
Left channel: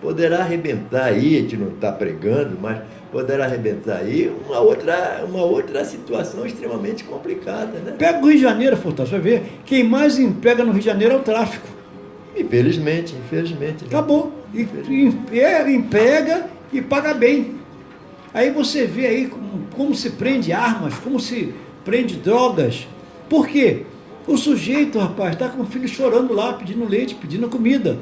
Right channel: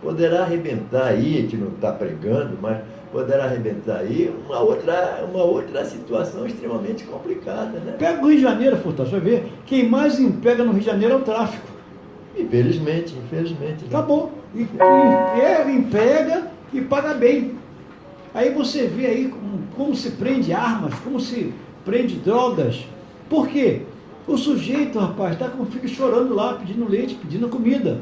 poderá arrebentar aí, a gente não está pregando, mas poderá arrebentar aí uma outra situação extremamente complicada, né? Pega o Rio de Janeiro, Furtado, você vai ver, quem mais emprega no Rio de Janeiro é o tráfico. Infelizmente. Né? Acabou. Emprega e paga bem. Aí você vê aí como se prende armas, como se prende drogas. Por quê? O sujeito, rapaz, está com o filho chorando lá, pedindo leite, pedindo comida.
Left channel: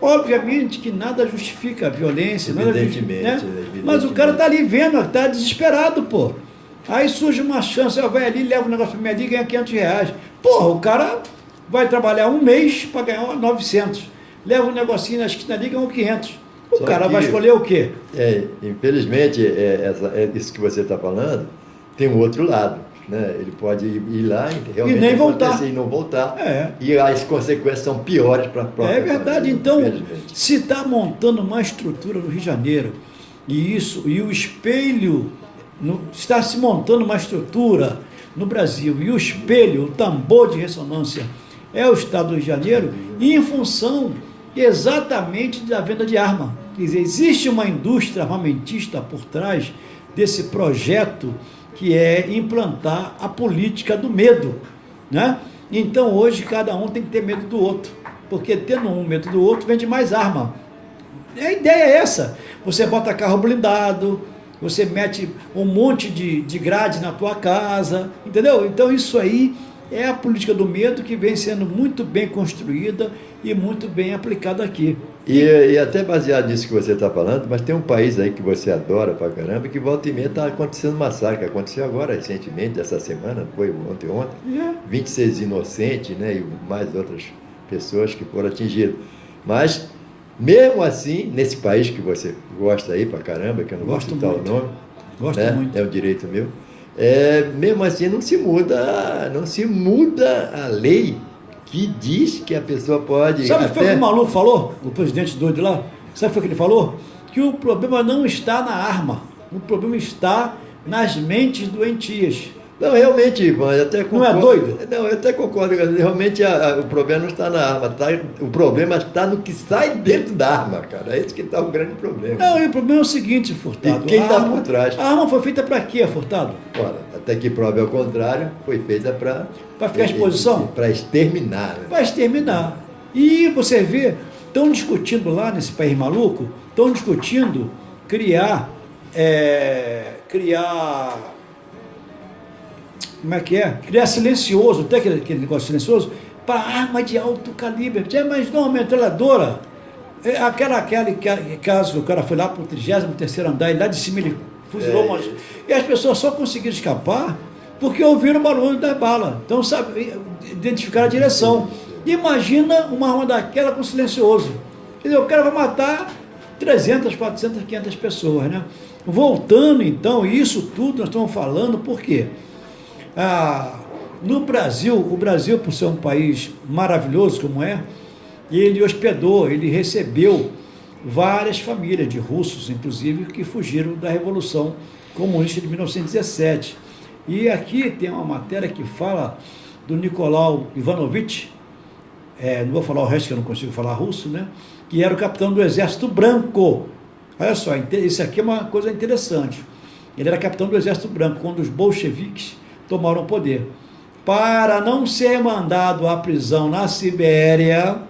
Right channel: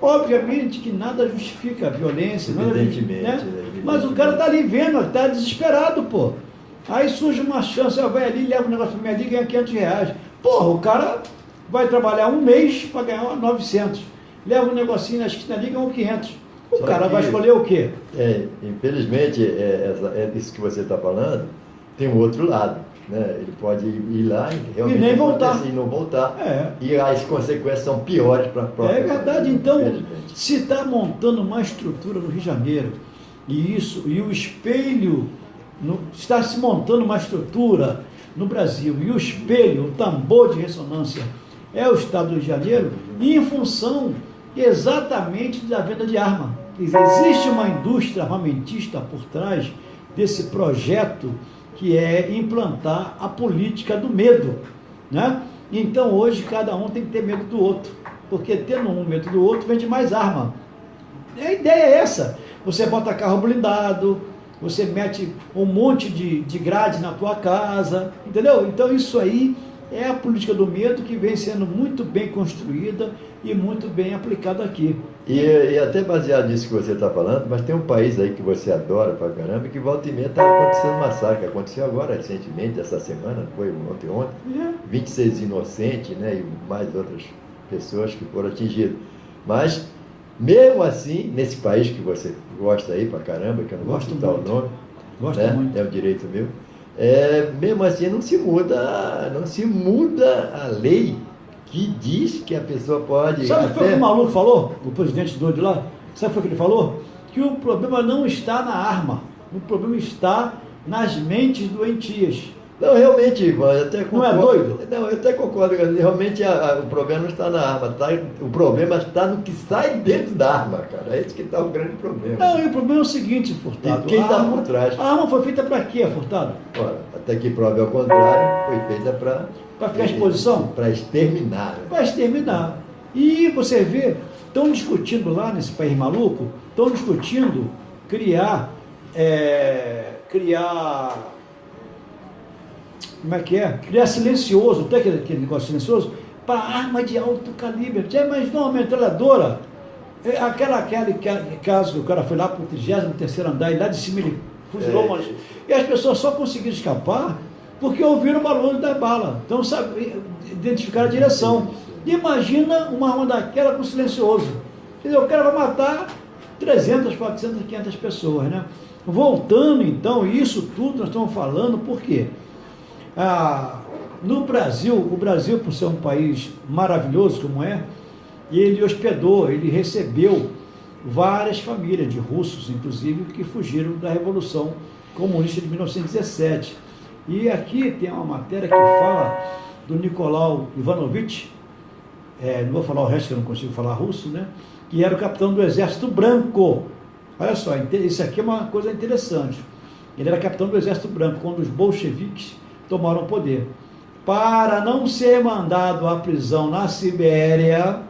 Obviamente que nada justifica a violência, Evidentemente, né? Mas o cara está ali vendo, está desesperado, pô. Aí surge uma chance, vai ali, leva um negócio para minha ali e ganha R$500. Porra, o cara vai trabalhar um mês para ganhar 900. Leva um negocinho na esquina ali e ganha 500. O cara vai escolher o quê? Infelizmente, isso que você está falando, tem um outro lado. Né? Ele pode ir lá e realmente nem voltar. E não voltar. É. E as consequências são piores para a própria. É verdade. Então, infelizmente. se está montando uma estrutura no Rio de Janeiro, e o espelho, está se montando uma estrutura no Brasil, e o espelho, o tambor de ressonância, é o Estado do Rio de Janeiro, e em função exatamente da venda de arma. Quer dizer, existe uma indústria armamentista por trás desse projeto que é implantar a política do medo, né? Então hoje cada um tem que ter medo do outro, porque tendo um medo do outro vende mais arma. A ideia é essa, você bota carro blindado, você mete um monte de grade na tua casa, entendeu? Então isso aí é a política do medo que vem sendo muito bem construída e muito bem aplicada aqui. E até baseado nisso que você está falando, mas tem um país aí que você adora pra caramba, que volta e meia está acontecendo massacre. Aconteceu agora recentemente, essa semana, foi ontem, 26 inocentes, né, e mais outras pessoas que foram atingidas. Mas, mesmo assim, nesse país que você gosta aí pra caramba, que eu não vou citar o nome, Gosto né, muito. é um direito meu, mesmo assim não se muda a lei que diz que a pessoa pode... Sabe o que foi que o maluco falou? O presidente doido lá? Sabe o que foi que ele falou? Que o problema não está na arma. O problema está nas mentes doentias. Não, realmente, Ivan, eu até concordo. Não é doido? Não, eu até concordo. Realmente o problema não está na arma. O problema está no que sai dentro da arma, cara. É esse que está o grande problema. Não, e o problema é o seguinte, Furtado. E quem está por trás? A arma foi feita para quê, Furtado? Ora, até que prove ao contrário, foi feita para... Para ficar à exposição? Para exterminar. Né? Para exterminar. E você vê, estão discutindo lá nesse país maluco, estão discutindo criar como é que é? Criar silencioso, até aquele negócio silencioso, para arma de alto calibre. Você imaginou uma metralhadora? Aquele caso que o cara foi lá para o 33º andar e lá de cima ele fuzilou umas... E as pessoas só conseguiram escapar porque ouviram o barulho da bala. Então, sabe, identificaram a direção. Imagina uma arma daquela com silencioso. Quer dizer, o cara vai matar 300, 400, 500 pessoas, né? Voltando, então, isso tudo nós estamos falando, por quê? No Brasil, o Brasil, por ser um país maravilhoso como é, ele recebeu várias famílias de russos, inclusive, que fugiram da Revolução Comunista de 1917. E aqui tem uma matéria que fala do Nicolau Ivanovich, não vou falar o resto que eu não consigo falar russo, né? Que era o capitão do Exército Branco. Olha só, isso aqui é uma coisa interessante. Ele era capitão do Exército Branco, quando os bolcheviques tomaram o poder. Para não ser mandado à prisão na Sibéria,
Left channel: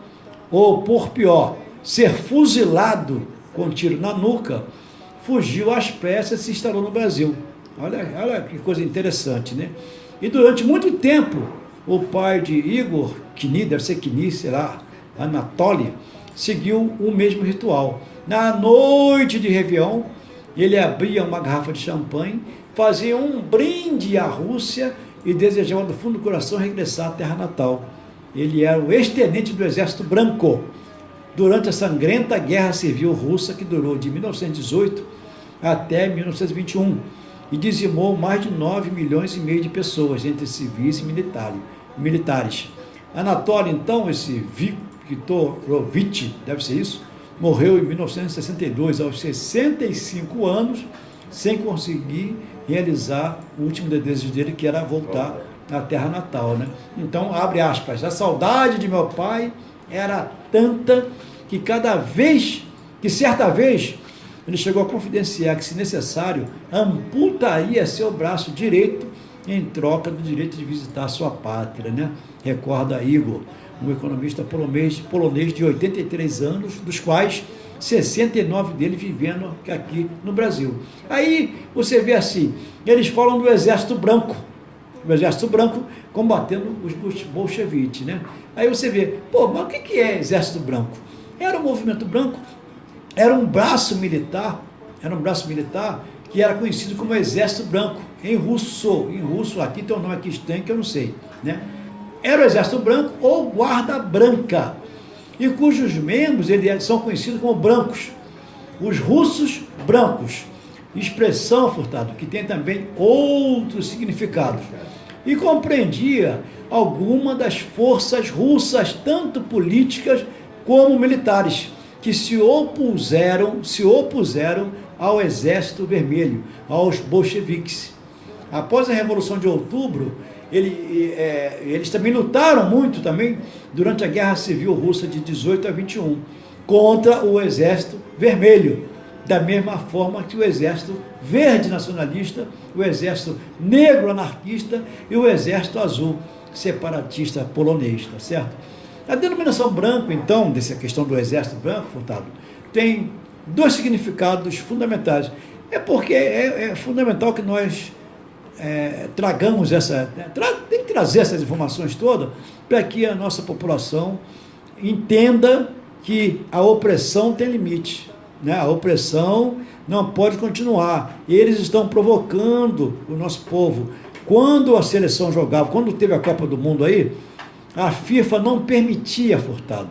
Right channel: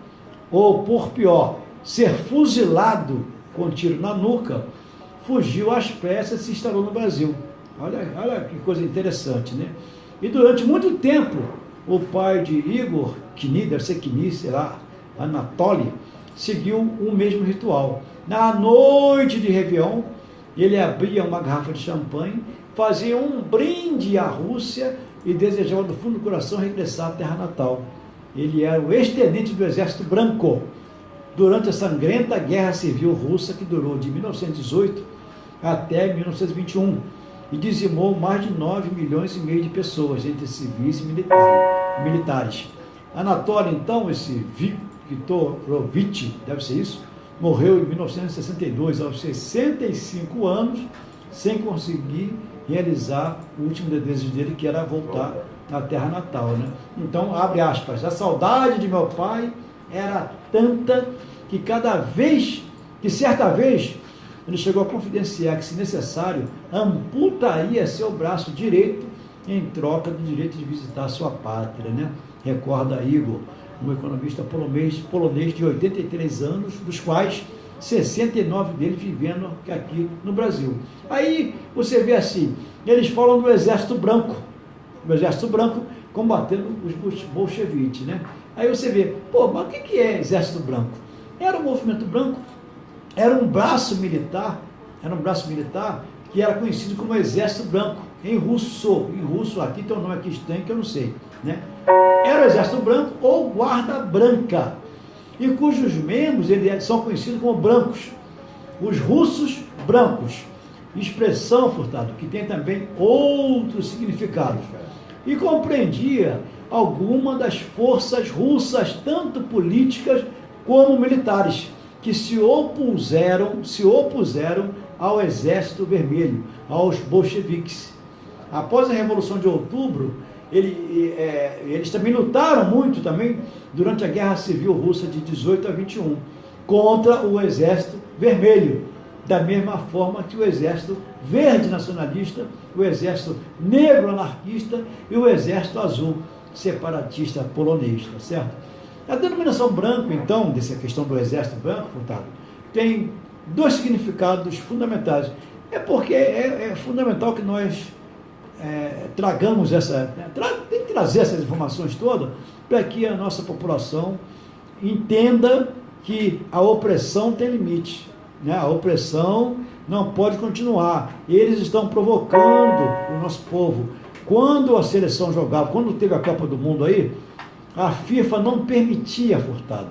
ou por pior, ser fuzilado com tiro na nuca, fugiu às pressas e se instalou no Brasil. Olha que coisa interessante, né? E durante muito tempo, o pai de Igor, deve ser Kni, sei lá, Anatoly, seguiu o mesmo ritual. Na noite de Réveillon, ele abria uma garrafa de champanhe, fazia um brinde à Rússia e desejava do fundo do coração regressar à terra natal. Ele era o ex-tenente do Exército Branco durante a sangrenta Guerra Civil Russa, que durou de 1918 até 1921 e dizimou mais de 9,5 milhões de pessoas, entre civis e militares. Anatoly, então, esse Viktorovich, deve ser isso, morreu em 1962, aos 65 anos, sem conseguir realizar o último desejo dele, que era voltar à terra natal, né? Então, abre aspas, a saudade de meu pai era tanta que certa vez, ele chegou a confidenciar que, se necessário, amputaria seu braço direito em troca do direito de visitar sua pátria, né? Recorda Igor. um economista polonês de 83 anos, dos quais 69 deles vivendo aqui no Brasil. Aí você vê assim, eles falam do Exército Branco, o Exército Branco combatendo os bolcheviques, né? Aí você vê, pô, mas o que é Exército Branco? Era um movimento branco, era um braço militar que era conhecido como Exército Branco, em russo, aqui tem um nome aqui estranho que eu não sei, né? Era o Exército Branco ou Guarda Branca, e cujos membros eles são conhecidos como brancos, os russos brancos, expressão, Furtado, que tem também outros significados, e compreendia alguma das forças russas, tanto políticas como militares, que se opuseram ao Exército Vermelho, aos bolcheviques. Após a Revolução de Outubro, eles também lutaram muito também durante a Guerra Civil Russa de 18 a 21 contra o Exército Vermelho, da mesma forma que o Exército Verde Nacionalista, o Exército Negro Anarquista e o Exército Azul Separatista Polonês, tá certo? A denominação branco, então, dessa questão do Exército Branco, Furtado, tem dois significados fundamentais. É porque é fundamental que nós tragamos tem que trazer essas informações todas para que a nossa população entenda que a opressão tem limite, né? A opressão não pode continuar. Eles estão provocando o nosso povo. Quando a seleção jogava, quando teve a Copa do Mundo aí, a FIFA não permitia, Furtado,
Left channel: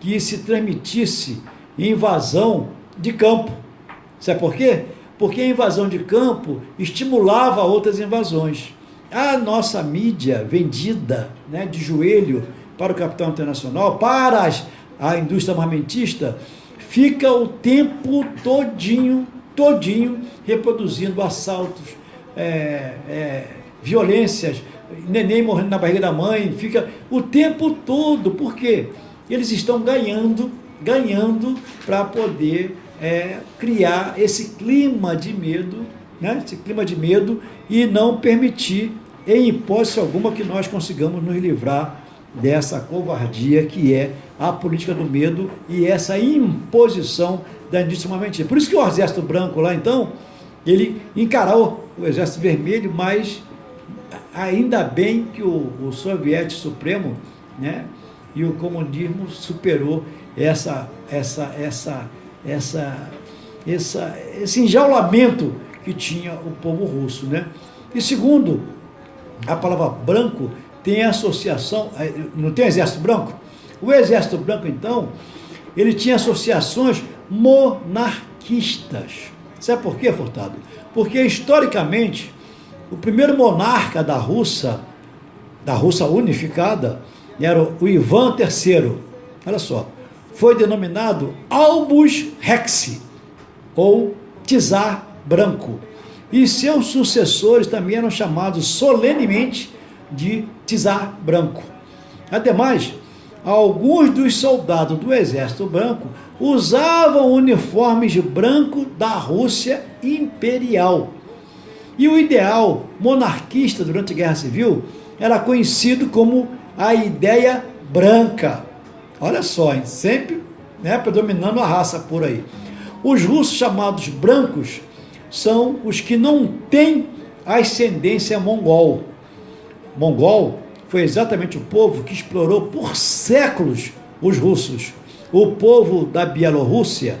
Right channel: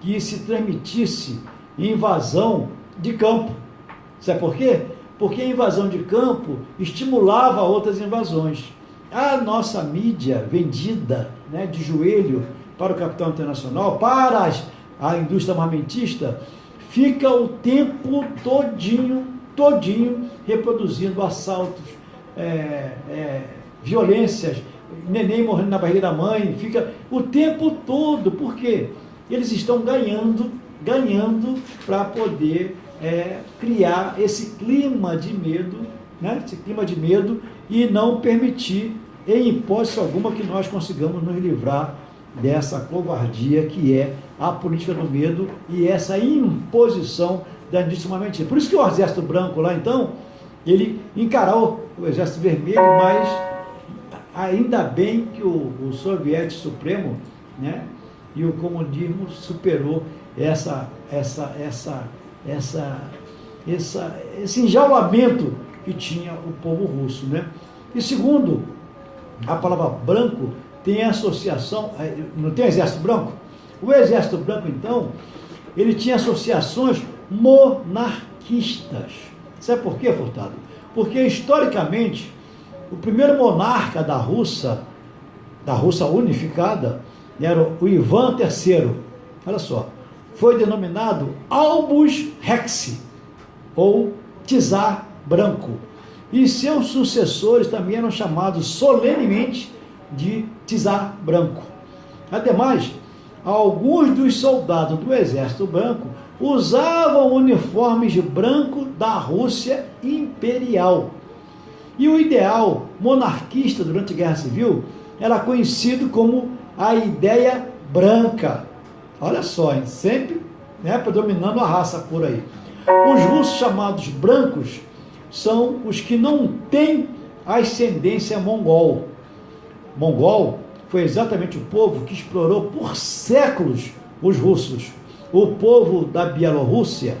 que se transmitisse invasão de campo. Sabe por quê? Porque a invasão de campo estimulava outras invasões. A nossa mídia vendida, né, de joelho para o capital internacional, para a indústria armamentista, fica o tempo todinho reproduzindo assaltos, violências, neném morrendo na barriga da mãe, fica o tempo todo. Por quê? Eles estão ganhando para poder criar esse clima de medo, né? Esse clima de medo, e não permitir, em hipótese alguma, que nós consigamos nos livrar dessa covardia que é a política do medo e essa imposição da indústria armamentista. Por isso que o Exército Branco lá, então, ele encarou o Exército Vermelho, mas ainda bem que o Soviético Supremo, né, e o comunismo superou esse enjaulamento que tinha o povo russo, né? E segundo, a palavra branco tem associação, não tem Exército Branco? O Exército Branco, então, ele tinha associações monarquistas. Sabe por quê, Furtado? Porque, historicamente, o primeiro monarca da Rússia unificada, era o Ivan III. Olha só, foi denominado Albus Rex, ou Czar Branco. E seus sucessores também eram chamados solenemente de Czar Branco. Ademais, alguns dos soldados do Exército Branco usavam uniformes branco da Rússia Imperial. E o ideal monarquista durante a Guerra Civil era conhecido como a ideia branca. Olha só, hein? Sempre, né, predominando a raça por aí. Os russos chamados brancos são os que não têm ascendência mongol. Mongol foi exatamente o povo que explorou por séculos os russos. O povo da Bielorrússia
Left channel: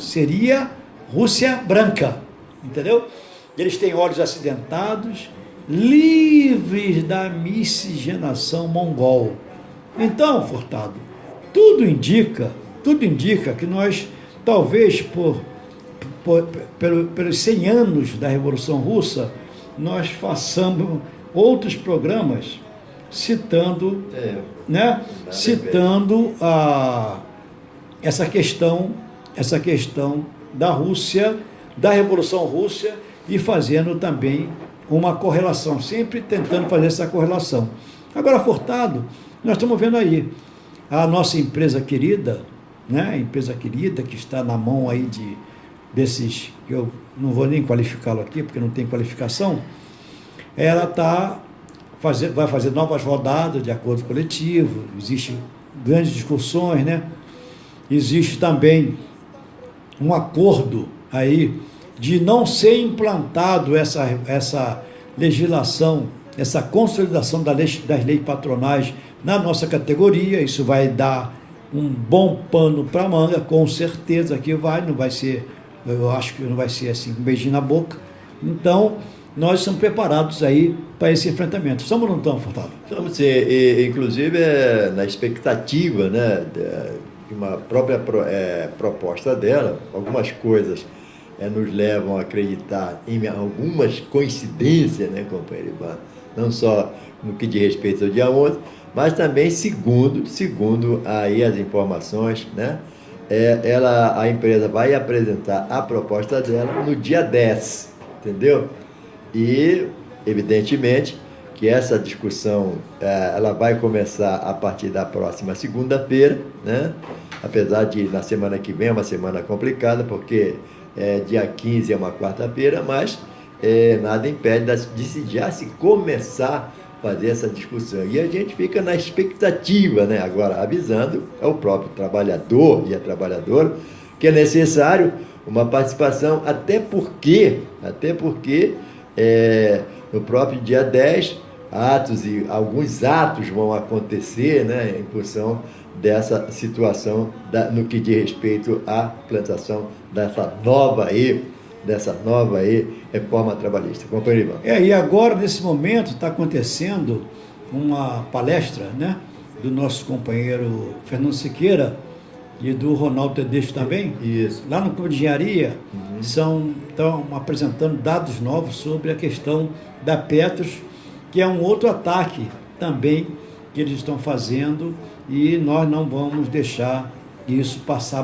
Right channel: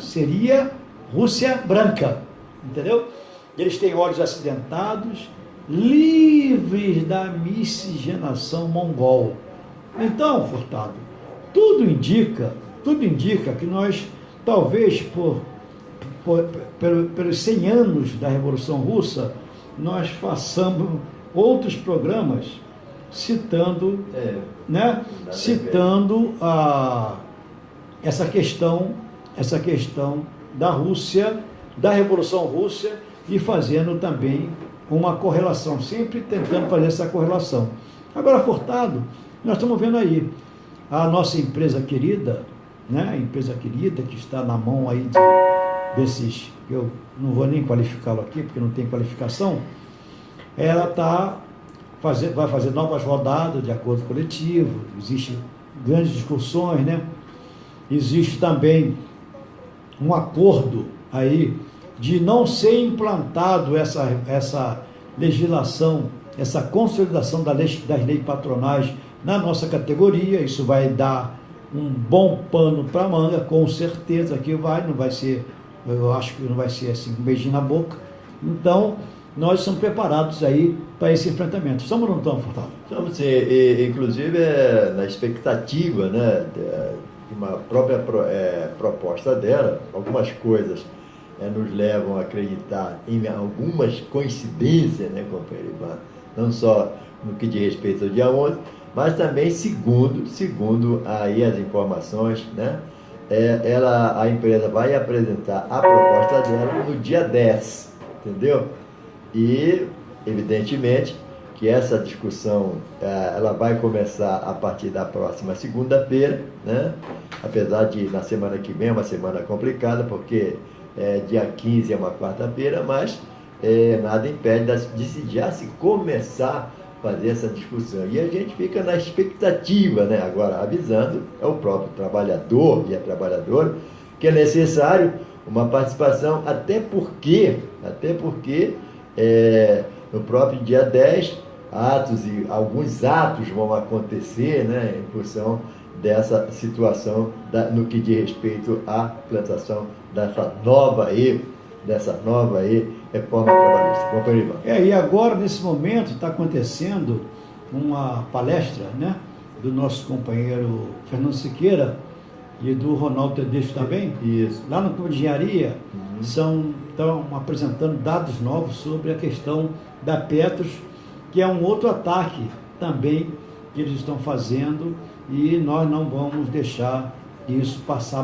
seria Rússia branca, entendeu? Eles têm olhos acidentados, livres da miscigenação mongol. Então, Furtado, tudo indica que nós, talvez pelos 100 anos da Revolução Russa, nós façamos outros programas citando essa questão da Rússia, da Revolução Russa, e fazendo também uma correlação, sempre tentando fazer essa correlação. Agora, Furtado, nós estamos vendo aí a nossa empresa querida, né? A empresa querida que está na mão aí desses, que eu não vou nem qualificá-lo aqui, porque não tem qualificação, ela está vai fazer novas rodadas de acordo coletivo, existem grandes discussões, né? Existe também um acordo aí de não ser implantado essa legislação, essa consolidação das leis patronais na nossa categoria. Isso vai dar um bom pano para manga, com certeza que não vai ser, eu acho que não vai ser assim, um beijinho na boca. Então, nós estamos preparados aí para esse enfrentamento. Estamos ou não estamos, Furtado? Estamos sim, inclusive na expectativa, né, de uma própria proposta dela. Algumas coisas nos levam a acreditar em algumas coincidências, né, companheiro Ivan? Não só no que diz respeito ao dia 11, mas também segundo aí as informações, né, a empresa vai apresentar a proposta dela no dia 10, entendeu? E, evidentemente, que essa discussão ela vai começar a partir da próxima segunda-feira, né? Apesar de na semana que vem é uma semana complicada, porque dia 15 é uma quarta-feira, mas nada impede de já se começar a fazer essa discussão. E a gente fica na expectativa, né? Agora, avisando o próprio trabalhador e a trabalhadora que é necessário uma participação, até porque no próprio dia 10, alguns atos vão acontecer, né, em função dessa situação no que diz respeito à plantação dessa nova reforma trabalhista. Companheiro Ivan. E agora, nesse momento, está acontecendo uma palestra, né, do nosso companheiro Fernando Siqueira e do Ronaldo Tedesco também. Isso. Lá no Clube de Engenharia, estão apresentando dados novos sobre a questão da Petros, que é um outro ataque também que eles estão fazendo, e nós não vamos deixar isso passar